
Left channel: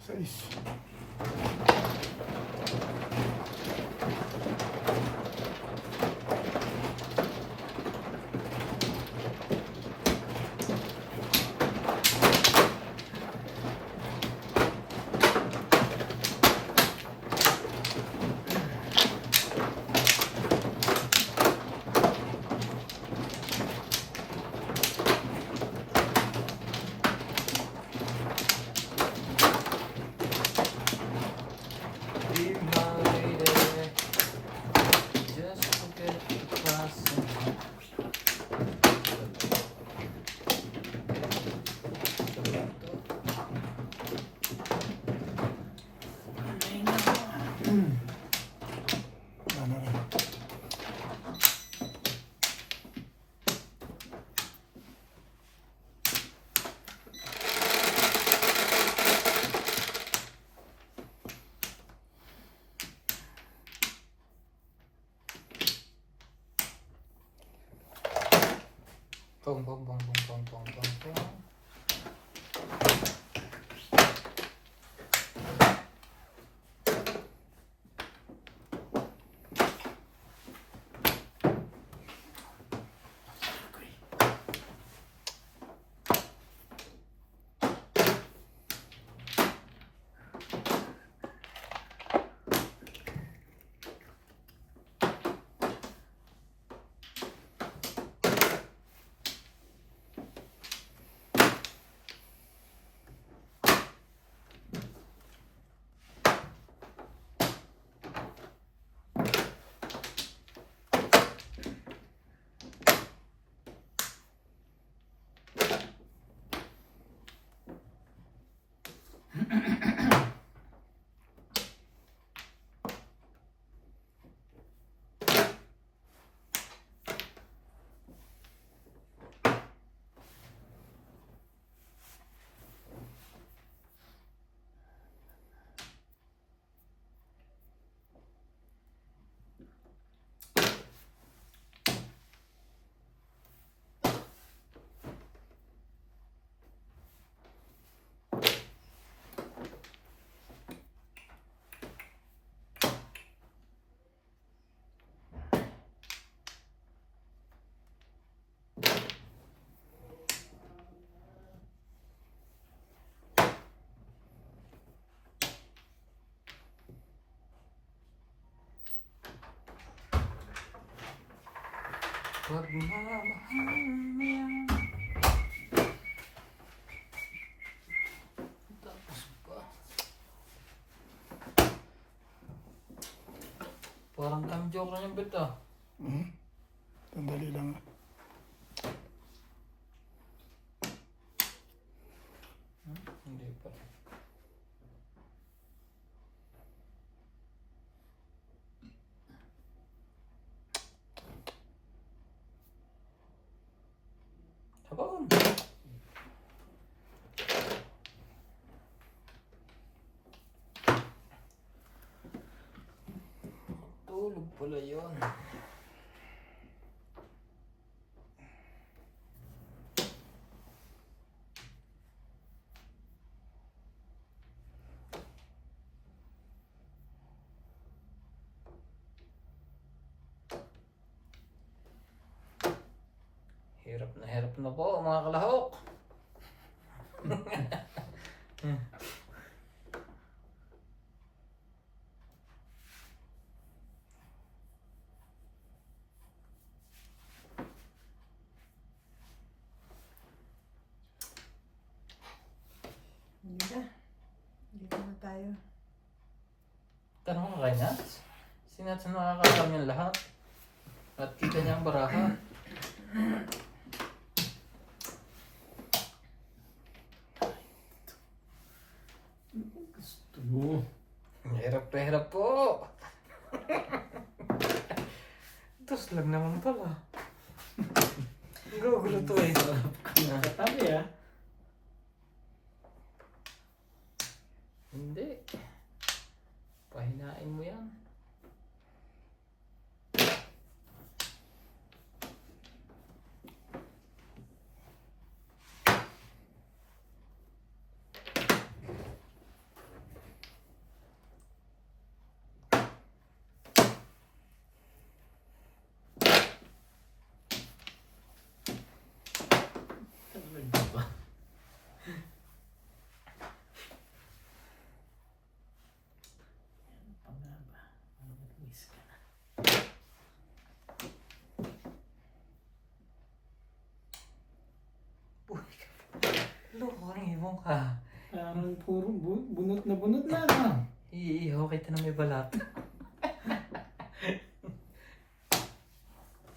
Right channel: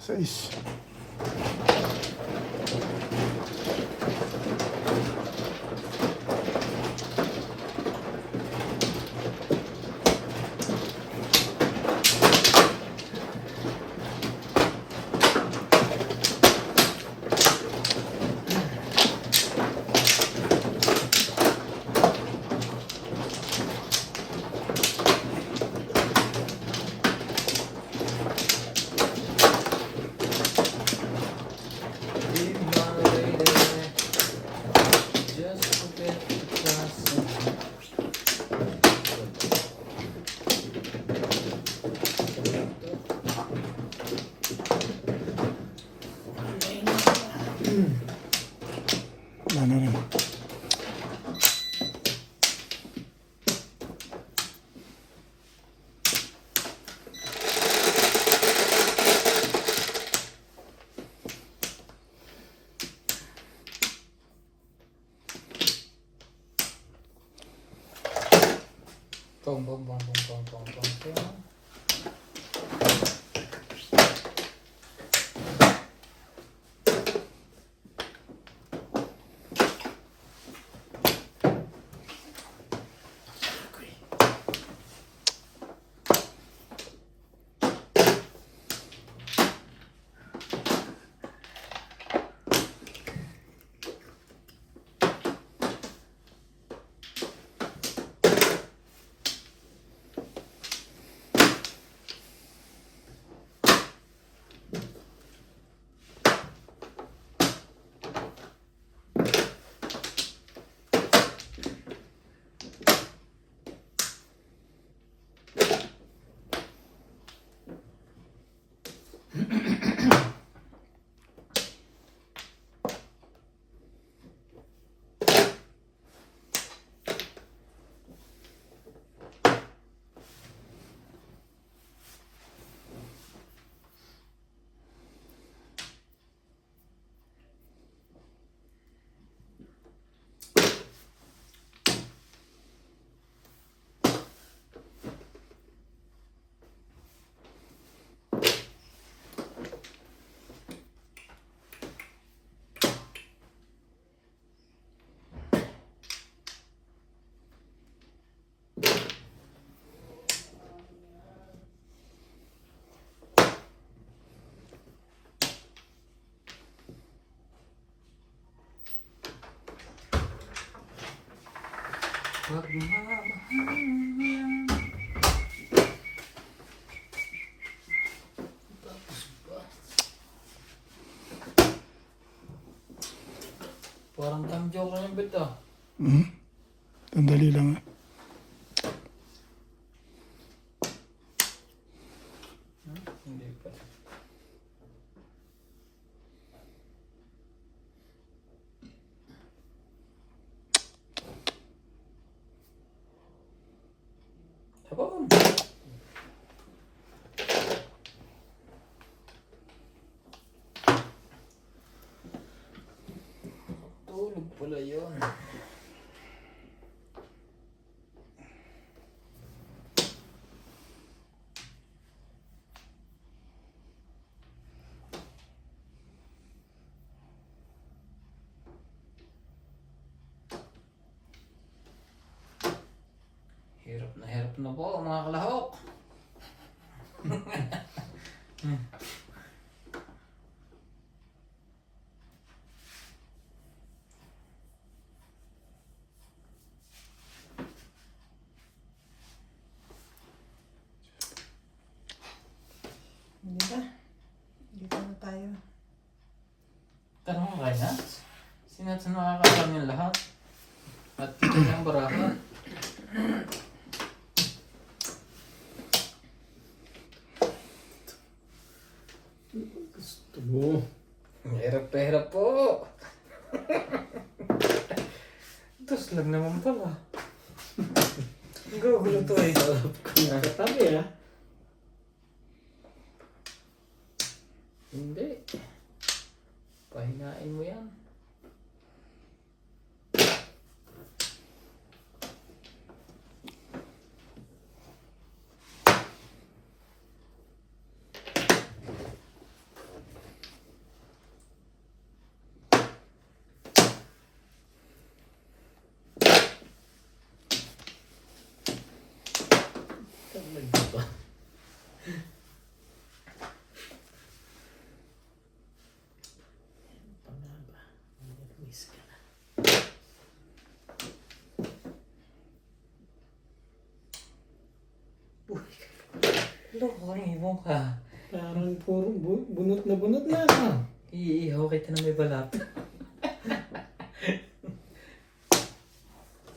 Sais. Ano na. Bong, bong, bong, bong, bong, bong, bong, bong. Wag mamahalan. Tapos ba? Parang cam joke na yung bit ah. Sandali lang. Hindi pa. Sabon! Tulog pala yun. Hirap na po mga kalahok. Hindi ba? Dito na tayo. Tanong ka kanya? Sinat sa makakalam yung lahat. At kita niya ang baraha. Gusto mo. Hirap po. Tapos lang naman pala. Gugulo to eh. Sarap kong nakatabi ah. Hindi. Pahinain mo yan. Talaga ba? Ano pa nga ba? Nag-miss ka na. Loko, ibong ka. Parang puro bunot na ah. Iihaw kita na may balat.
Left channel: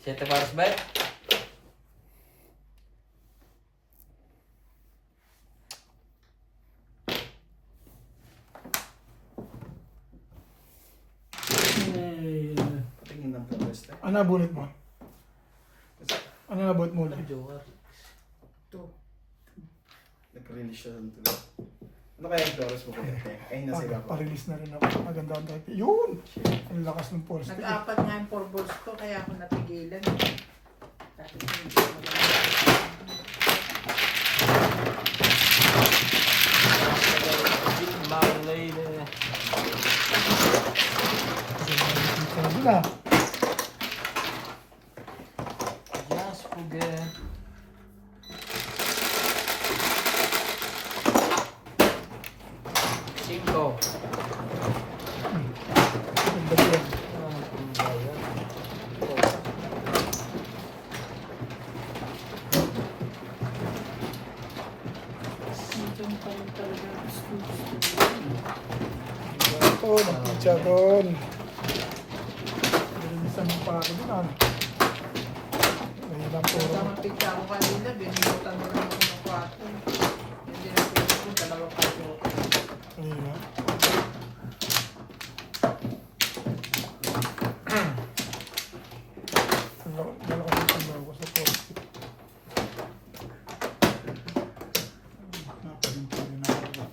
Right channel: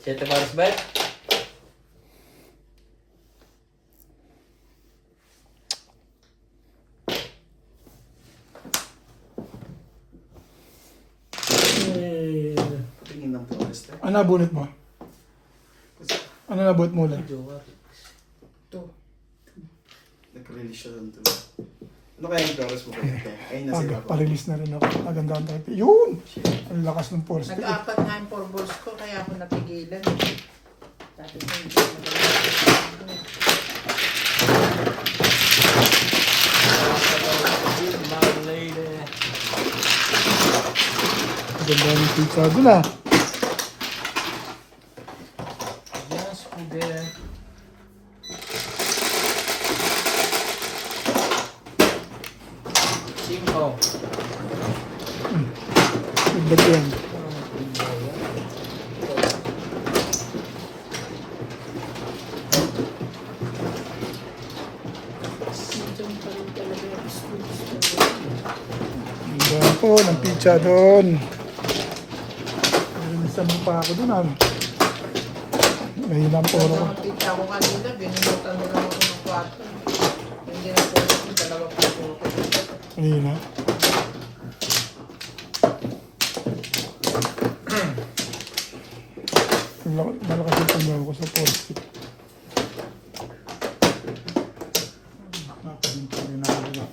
Siete pares ba? Ano nabunot mo? Ano nabunot mo na? Jowa. Ito. Nag-release siya doon. Ano kaya yung Taurus mo kulit? Ay, nasa iba pa. Pa-release na rin ako. Maganda ang type. Yun! Ang lakas ng force. Nag-apat nga yung 4 balls ko, kaya ako napigilan. Dati ko hindi ko Makulay. Maganda yung pizza doon ah. Yes, we did. Cinco. Good yun. Diyan pa rin talaga. Ang po, ng pizza doon. Nalisan mo pa ako doon ano. Mahina po. Pag nakapita ako kanina, binunutan mo lang ako ng 4. Hindi na pwede ko, 2 piso ako. Mahina. Malakas yung tumayo ko sa force. Napahinto rin ako.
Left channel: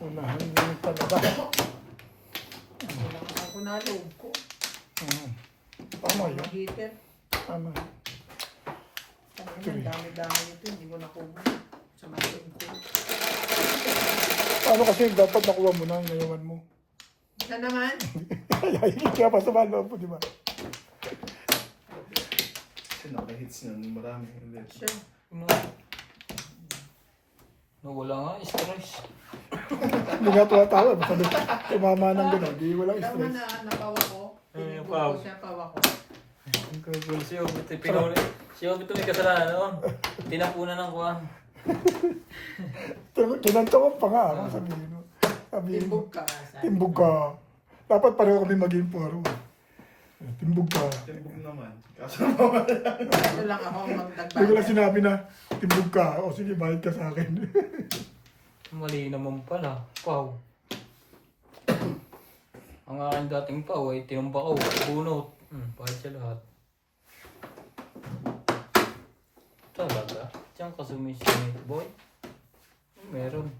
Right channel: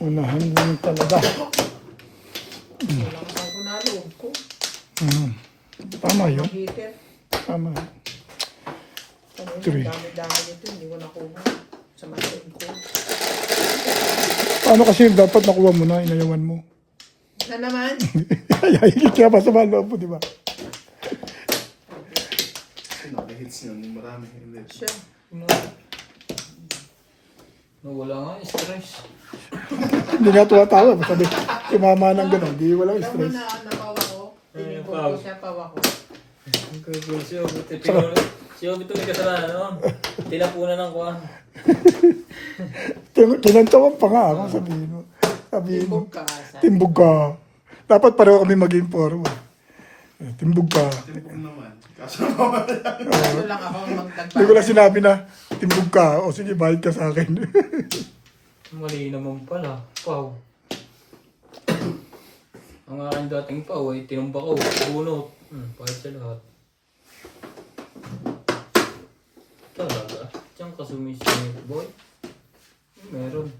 Unahan lang talaga. Wala ko saan ko naloob ko. Tama yun. Ang heater. Tama. Kung Three. dami-dami nito, hindi ko nakuha. Sa masin ko. Ano kasi dapat nakuha mo na, inayawan mo. Na naman. Ay, kaya masama ang loob mo, di ba? Naka-hits na yung marami. Hindi. Siya. Nawala nga stress. Hindi nga tuwatawa. Sabi, mama ng gano'n, di wala Pero stress. na napawa ko. Tinigog ko siya, pawa ko. Siya ulit kasalanan noon. Tinapunan ng kuhan. Kinantawan pa nga ako, sabihin mo. Sabihin mo, Timbog ka. Sabi. timbog ka. Dapat pareho kami maging forward. Timbog ka. Timbog naman. Kaso naman. Gusto lang ako Hindi ko na magdagbayan. sinabi na, timbog ka. O sige, bayad ka sa akin. Mali naman pala. Pau. Ang aking dating pau ay tinumba ko. Bunot. Pahit siya lahat. Talaga. Diyan ka sumisingit, boy. Meron.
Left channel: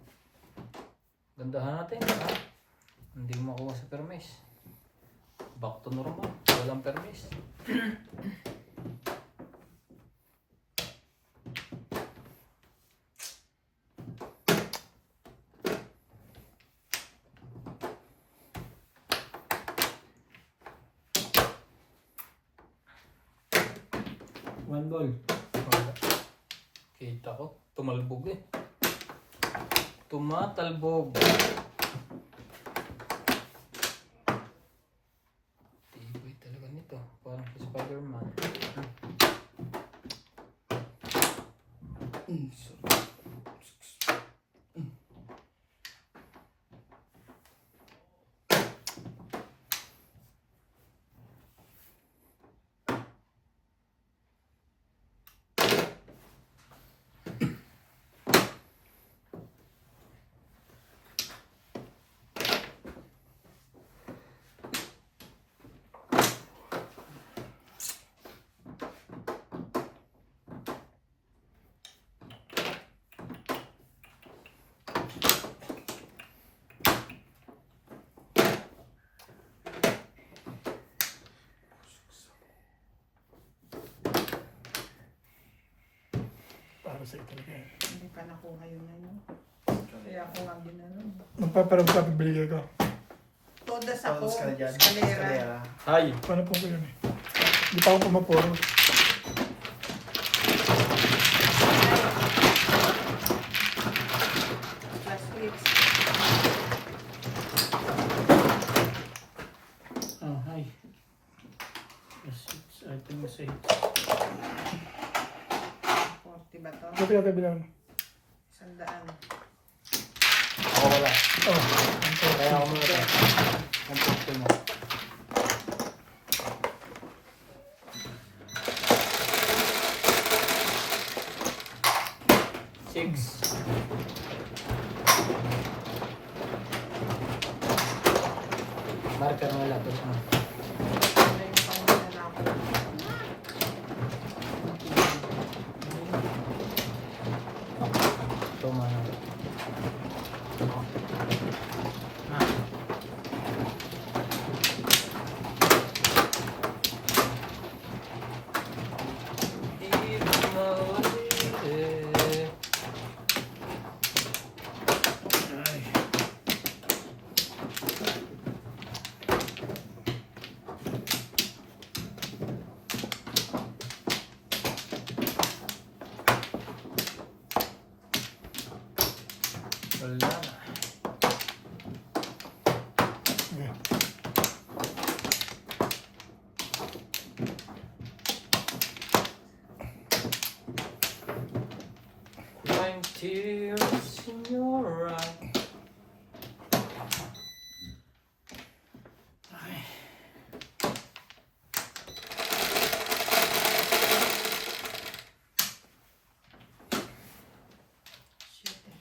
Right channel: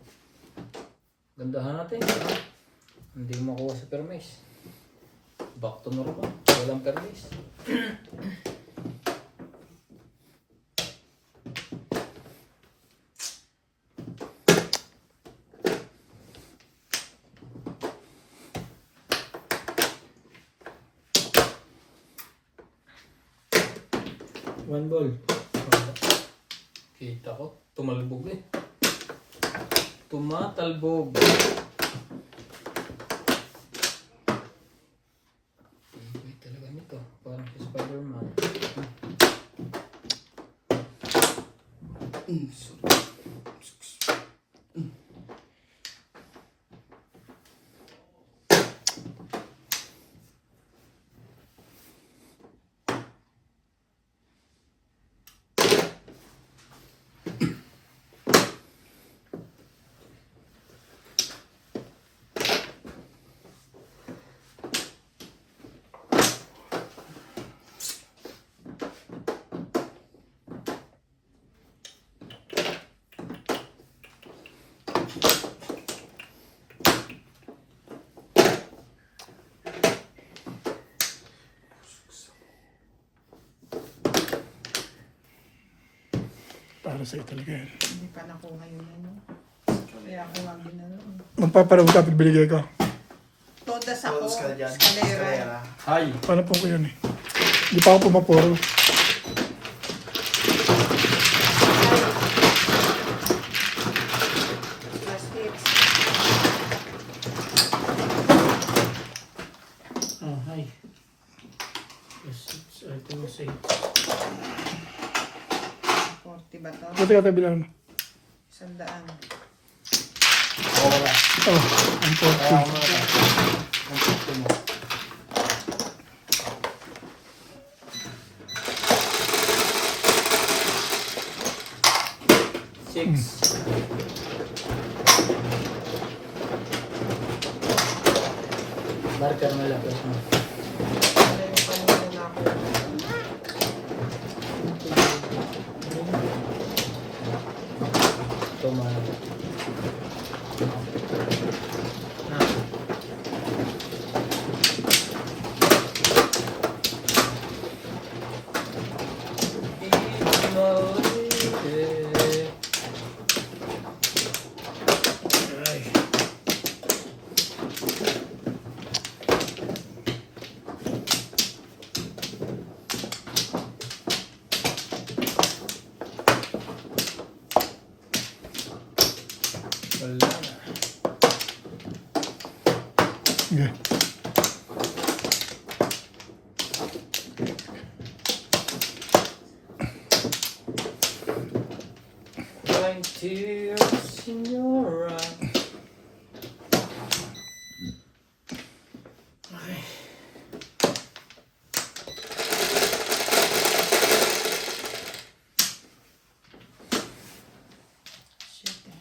Gandahan natin. Ha? Hindi mo makuha sa permis. Back to normal. Walang permis. One ball. Kita ko. Tumalbog eh. Tumatalbog. Tibay talaga nito. Parang si Spider-Man. Para sa'yo talaga yan. Hindi pa nakuha yun. Ano. Kaya ako nga ginano. Magpaparawag ka pag binigay ko. Todas ako. Tapos ka dyan. Eskalera. Eskalera. Hi! Paano po ko yan eh? Hindi pa ako pumapuro. Plastics. Oh, hi. Yes, I think it's 8. 40 ba to? Buti ka tabilan mo. 100. Ora. Oh, ang Kaya po. mo ito. Ang pito mo. Six. pero malapit mo. Wala yung kanina na ako. Ito mga... Na. Wala na. Okay. Crying tears in your eyes. Shit eh.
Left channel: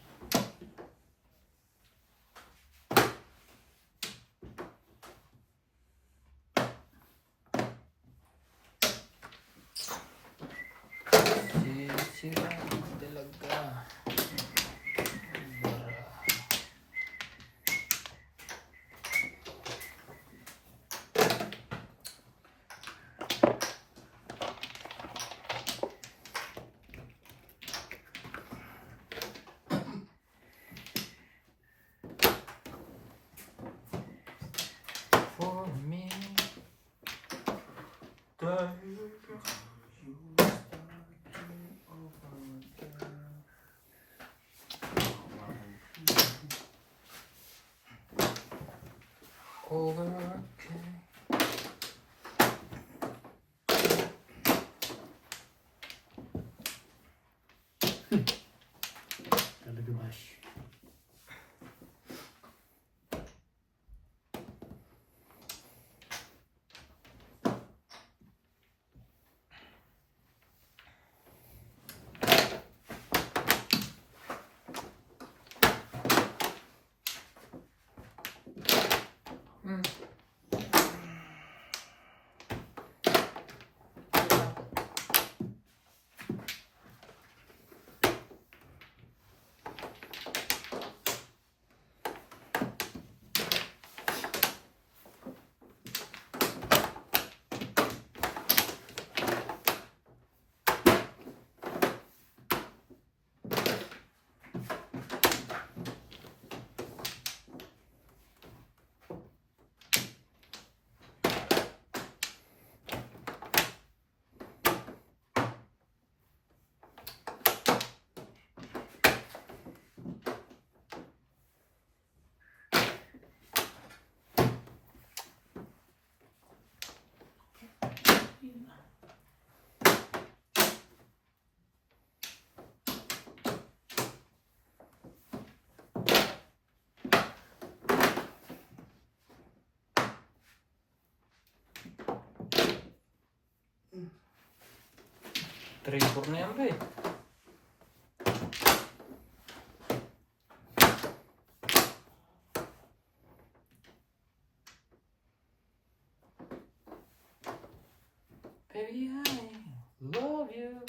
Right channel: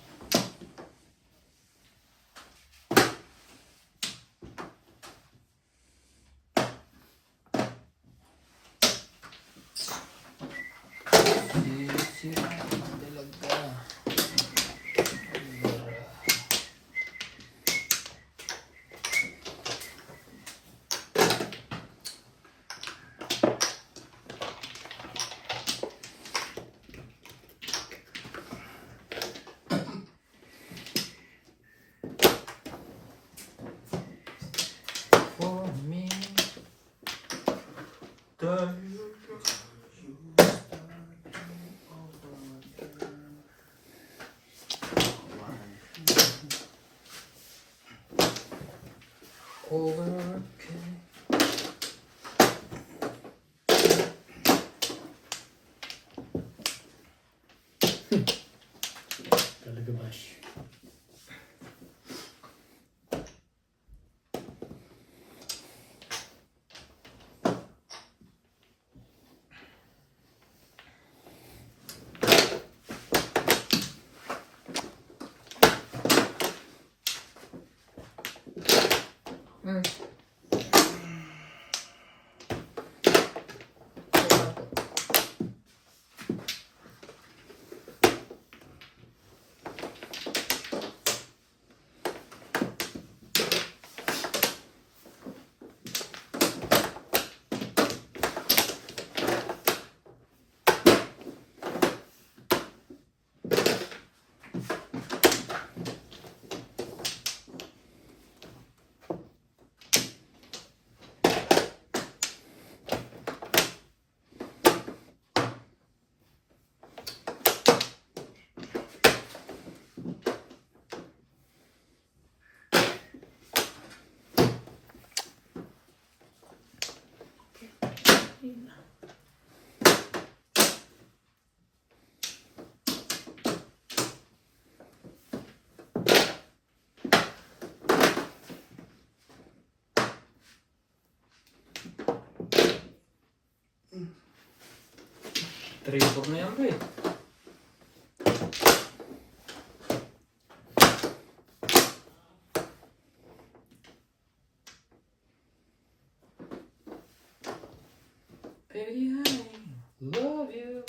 Sisira talaga. For me, over. Talaga bash. Hmm. Tripod na yan ba eh. Baby, I love you.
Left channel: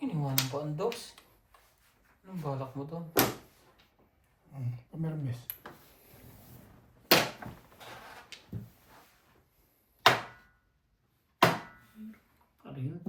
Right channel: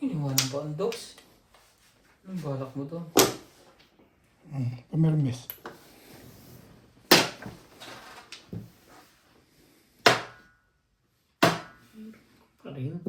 Iniwanan pa ang dogs. Anong balak mo doon? Pumirmis. Pa rin.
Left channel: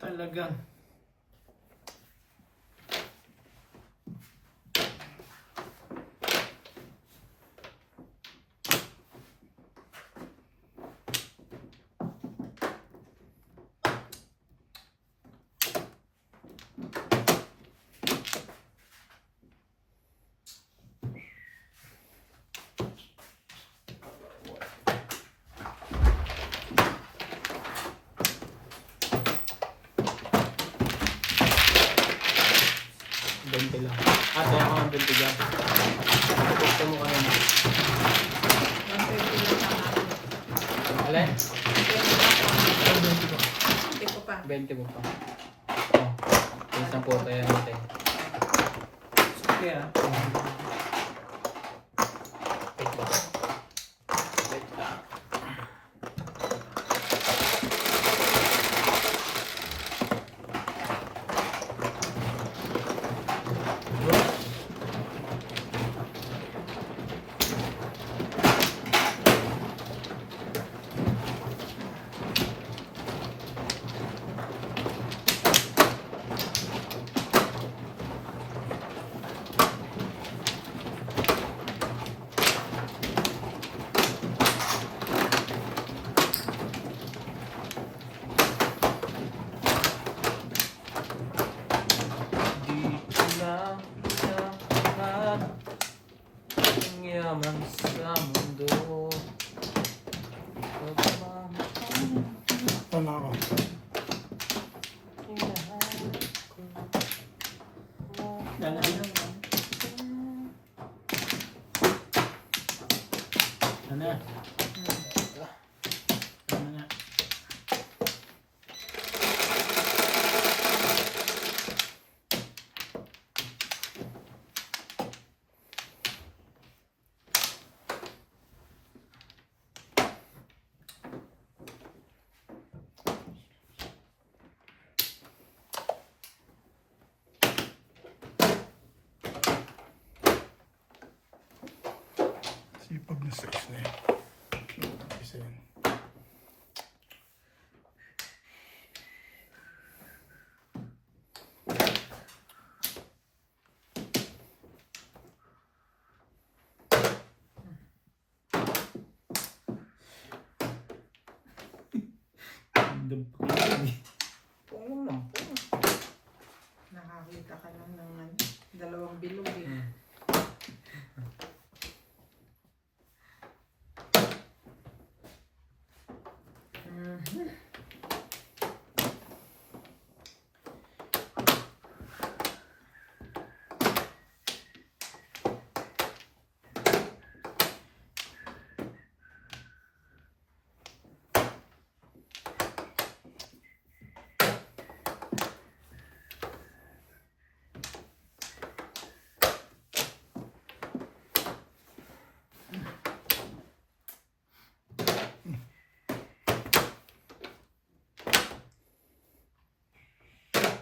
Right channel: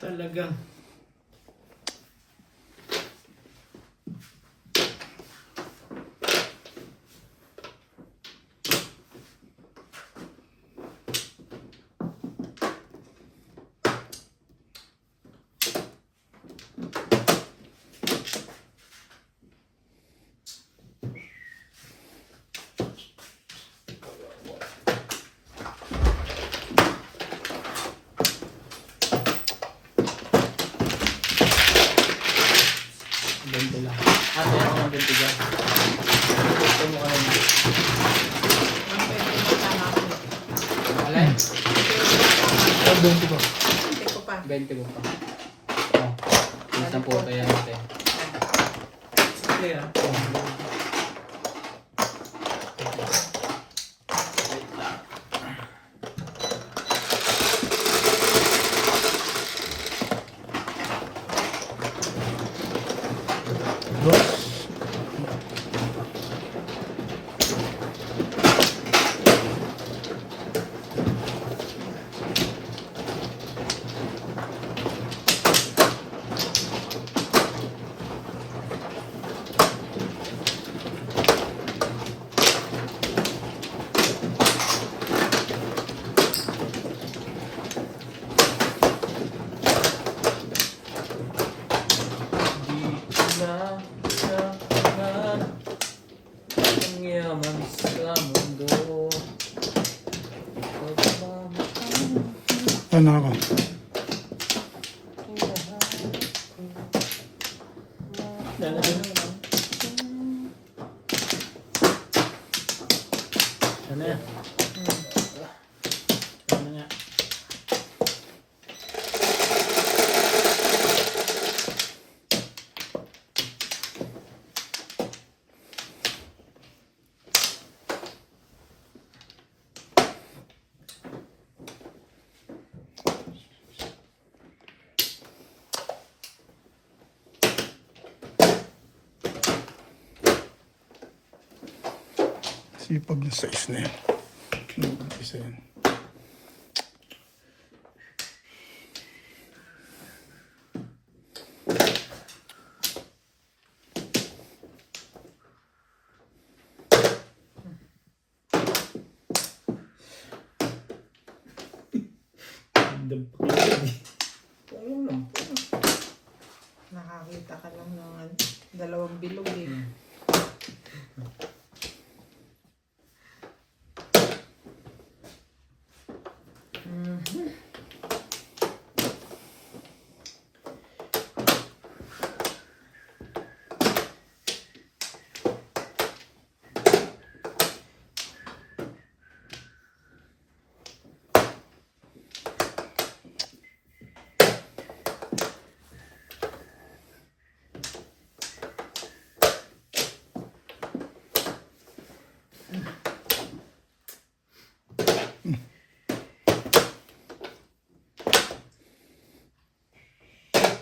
Talagang. 20 mo pa. Oh, yung 10 kaya natin. Sige ah. Di na ang yaman sa mundo. Ano na ako? Ano na? Ano nga? Sipag na size na yan. Isa yan. Ayun lang. Nakakita ka lang ng ano, dalawang bilog eh.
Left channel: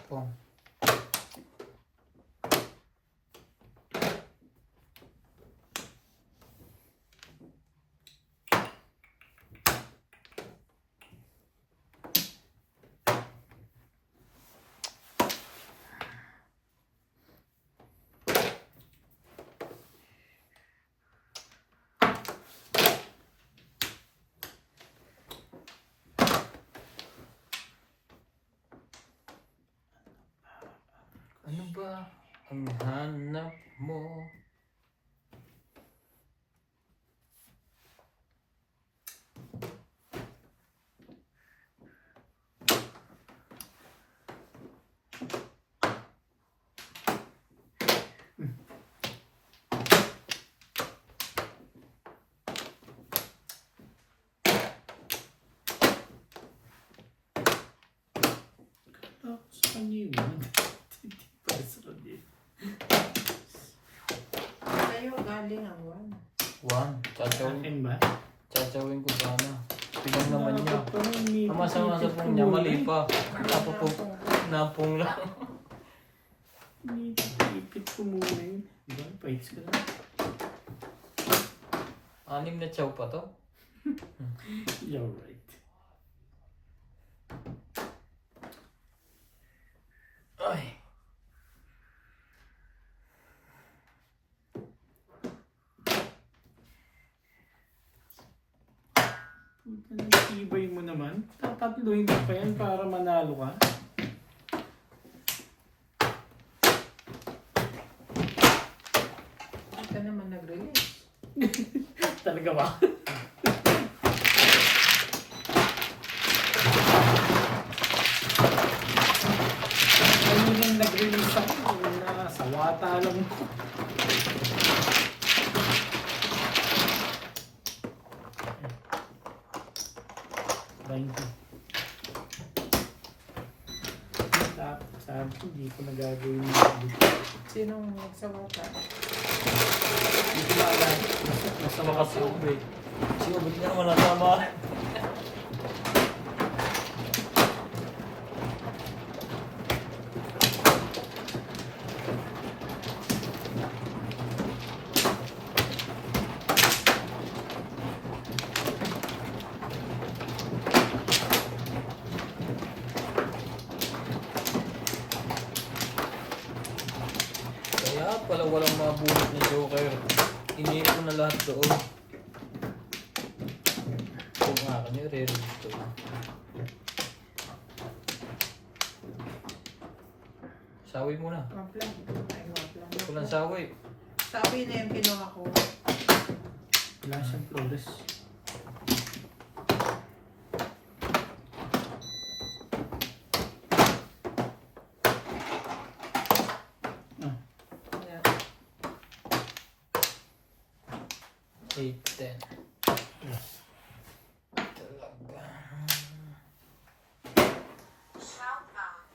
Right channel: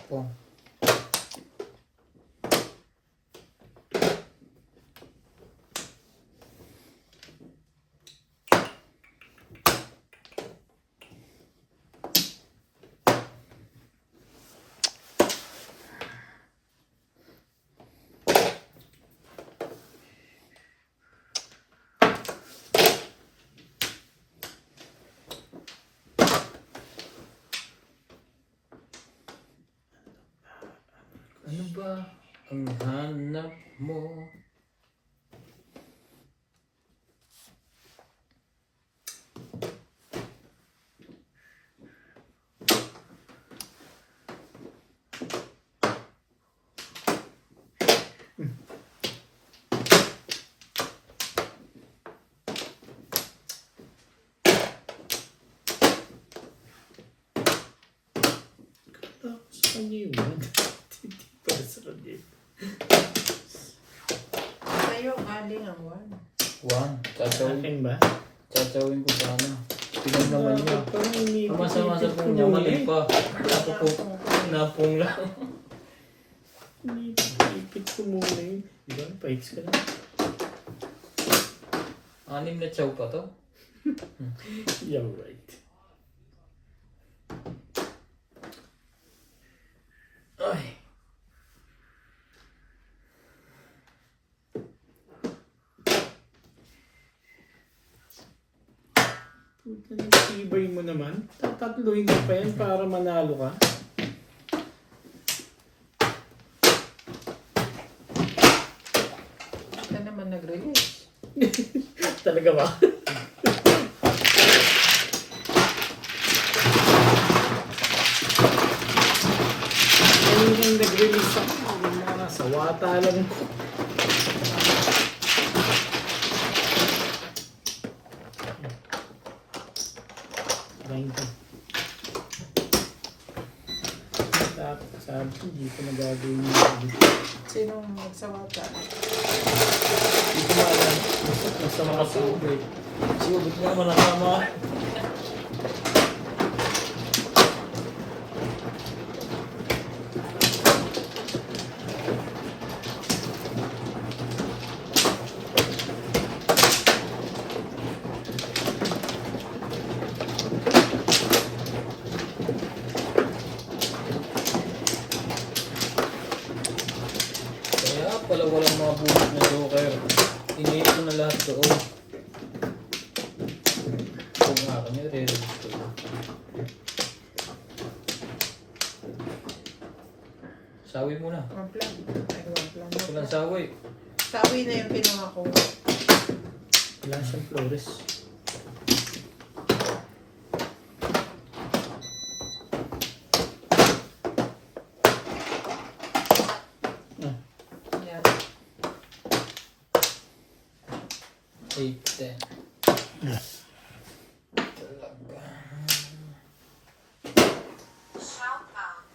Oh. Ano ba ang hanap mo? Tapos sa kanya yun. Hindi pala sa kanya. Sa'yo galing ang one. One. Akin ba? Tsachawin ko sana. Tingnan naman niya. Dapat parang inipit Masa-masa ko po niya. muna Mali eh. pa. Ako po. Napong lang. Inipit ko muna yun. Diba? Paits ka lang. 6 na chow pa to. You're right. Ay. Puta ng tibay mo naman. Tatatluhin ka pa yan para manalo ka. Ka naman nag-release. Talaga ba? Ay, hindi nag-release ako. Nasa wata lang ko. Hindi ko nagagawin yung Sinong nagsawa ka? Hindi ko maalala. Basta makasubay. Sige, ba't na naman nakama? Kaya pala walang mga bunot na joker. Iniip ko na lahat doon. Kung akin yun, re-release ko. Sawi mo na. One plan. Ay, one plan. Walang sawi. Sawi na yung kinuha ko. Wala siyang flores. Yan. 8, 10. Shout out.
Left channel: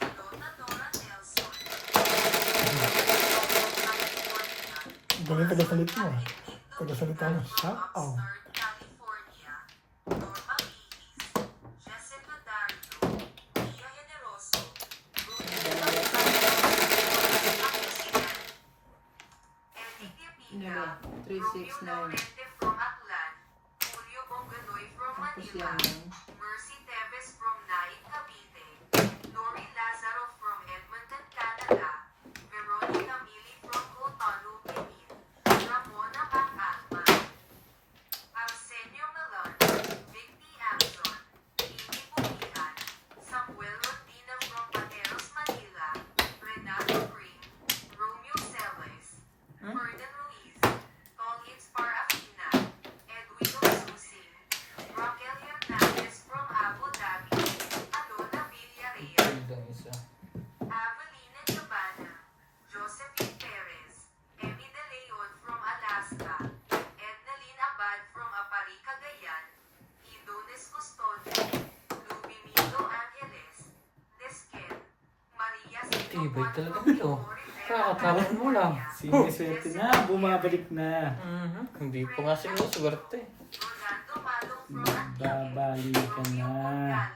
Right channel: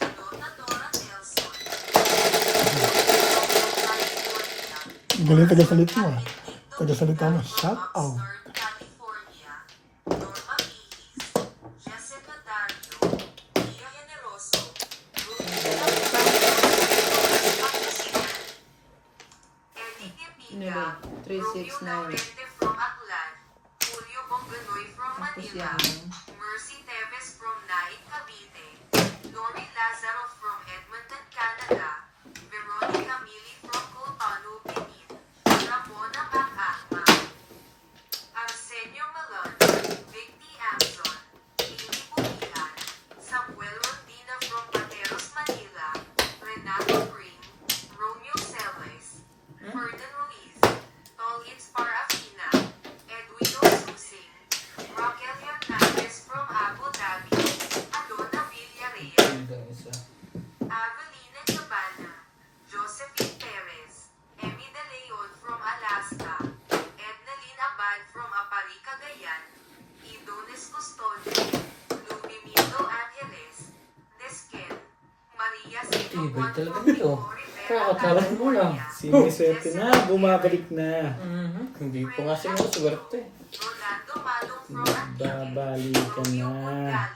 Donna Dora Nelson. Galing taga-salit mo ah. Taga-salita mo. Shout out. Oxnard, California. Norma Ihis. Jessica Dario. Pia Generoso. Eddie Pipita. Nili, 369. Laurente from Aklan. Julio Bonganoy from Tapos Manila. yan. Mercy Teves from Nain, Cavite. Lori Lazaro from Edmonton, Canada. Veronica Mili from Cotonou, Benin. Ramona Pacata. Arsenio Malon. Vic D. Amson. Amy Bukihan. Samuel Ordina from Pateros, Manila. Renato Spring. Romeo Celes. Ferdinand Ruiz. Tolins Parafina. Edwino Susing. Raquel Hernandez from Abu Dhabi. Adona Villarreal. Yun ang isa. Avelina Cabana. Josephine Perez. Emmy De Leon from Alaska. Ednalyn Abad from Apari, Cagayan. Idones Custodio. Lubimindo Angeles. Desken. Maria Tibay talaga nito. Kakataran mo lang. siniswerte na, bumabalik na. Hindi pa nga siya swerte. Rolando Malong from Antique. Babalikan na.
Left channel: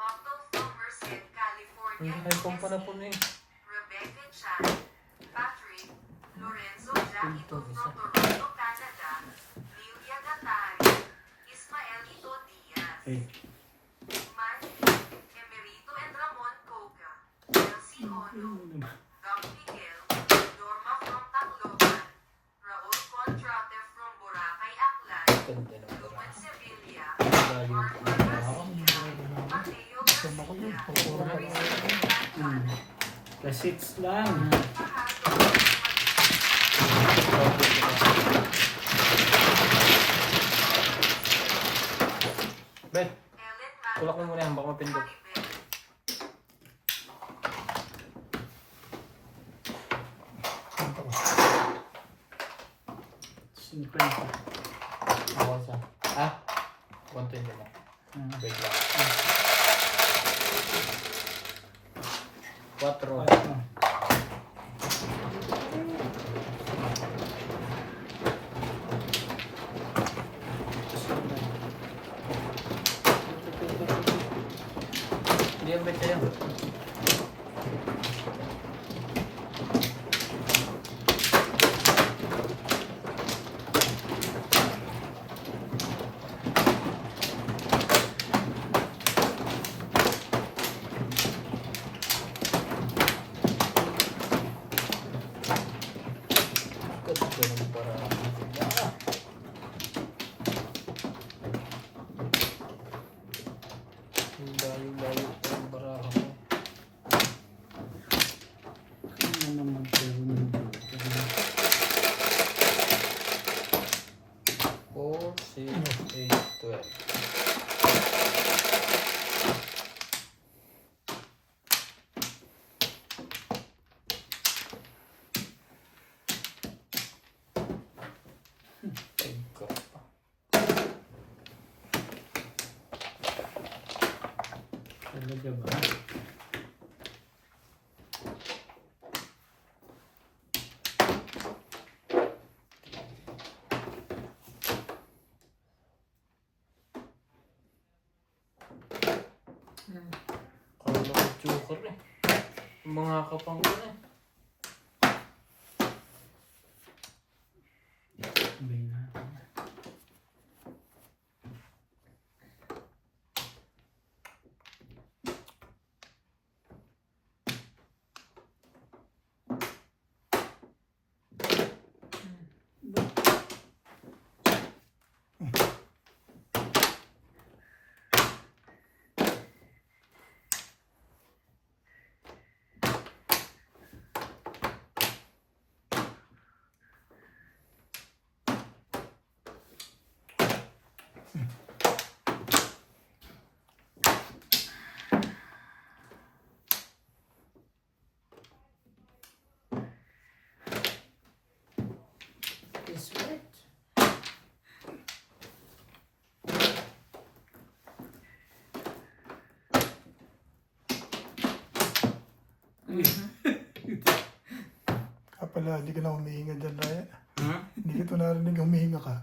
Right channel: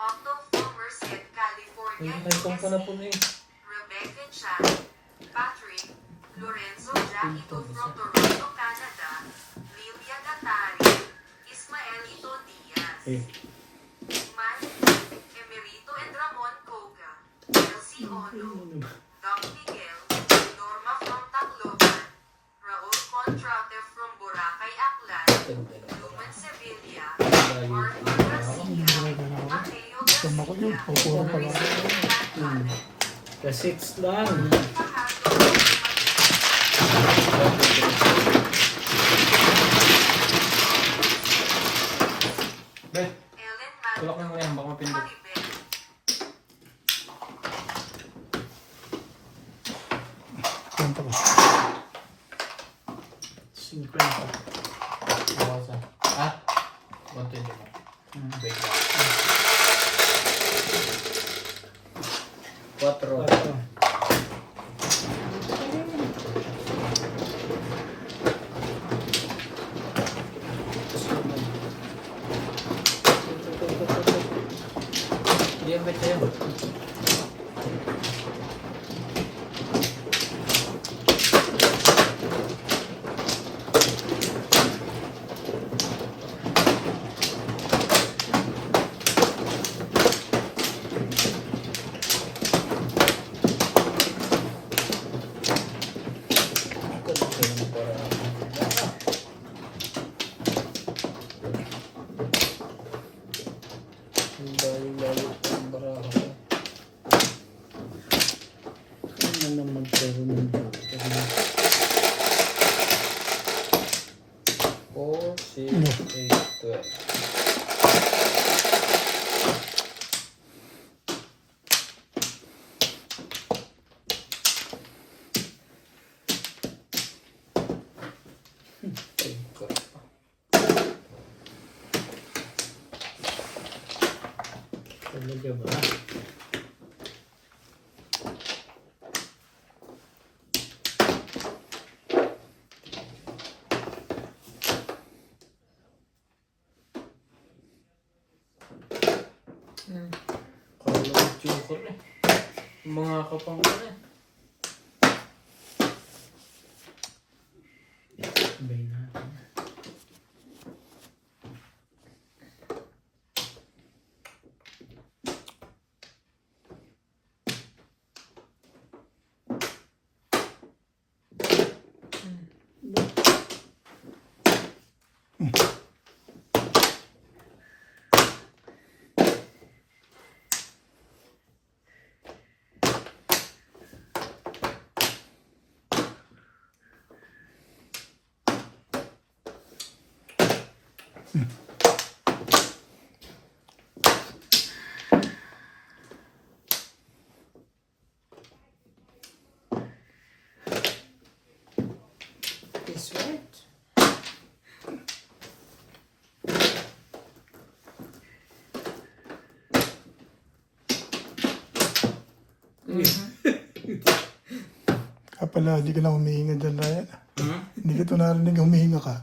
Otto from Merced, California. May kumpa na po niya. Rebecca Chan, Patrick, Lorenzo Jaquito from Toronto, Canada, Lilia Gatari, Ismael Ito Diaz, Eh, Man, Emerito and Ramon Coca, Elsie Ono, Doc Miguel, Norma from Tacloban, Raul Contrate from Boracay, Aklan, Ganda na. Luman Sevilla, Layo. Arthur Garcia, Mateo Garcia, Marisa the 6 lang. Bet, Ellen tulak mo muna yan. Baka mapindot. Maribel, Kwento ko. 50. Bawasan. Ah? 120 na. Wait lang. 4. Ito. Hindi yan, bet yan. Layo-layo pa ang baraho. Ano naman pero ng joker na. 4, 6, 8, 12. Talaga ba? ko rin. Yung mga kapang ko rin. Sabay natin. This right. Kaya pala, hindi ka na humihinga dyan, Ryan. Hmm? Hindi ka ito narinig, humihinga ka.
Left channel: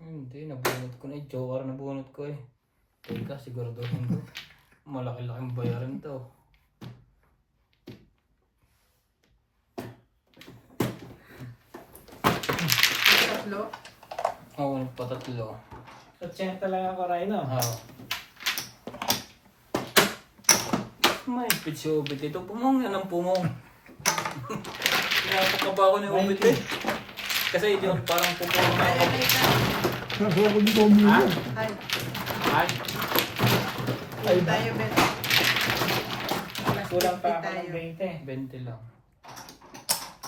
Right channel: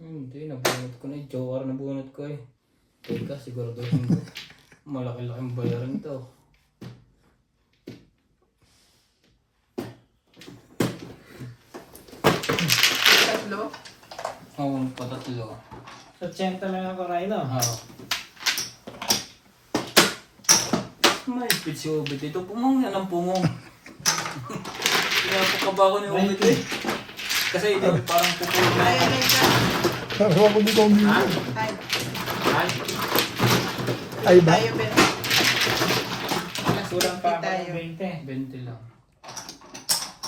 Hindi, nabunot ko na. Joker na bunot ko eh. Teka, siguraduhin ko. Malaki-laking bayaran to. Tatlo. Oo, patatlo. Sa 80 lang ako, Rhino. Oo. May pitsi ubit ito. Pumong yan ang pumong. Tumatak ka ba ako ni ubit eh? Kasi ito parang pupulong na ako. Pero ako hindi ko humihinga. Ay, Ay, Ay ba? tayo Ben. Kulang pa ako Tayo. ng 20. 20 lang.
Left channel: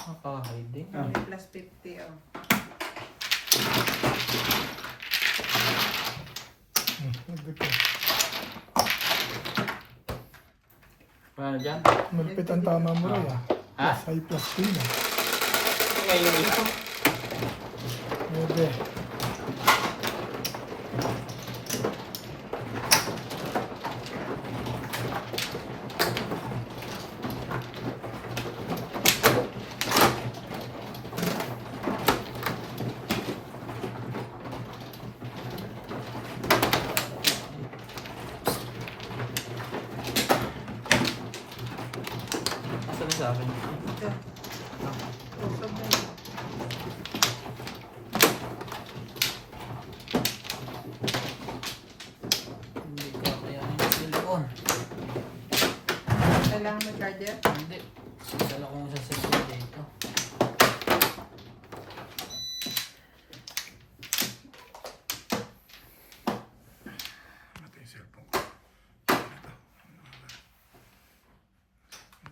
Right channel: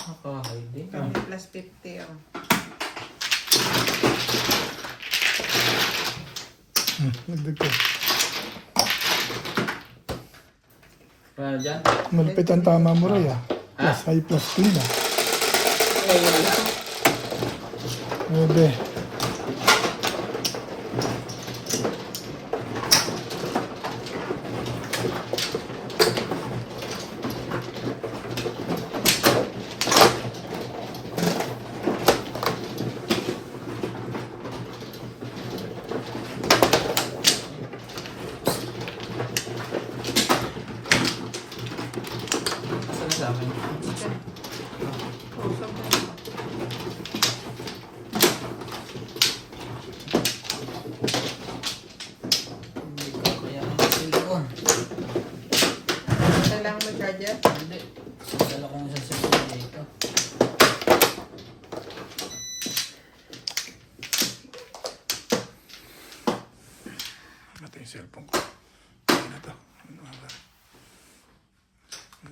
Nakahid eh. Ah. Plus 50 oh. Nagdag ko. Ano dyan? Malapit ang tama mo, Ray, ah. Ha? Plus high, plus clean, ah. Ngayon lang. 9. Asan na sa akin? Usap mo.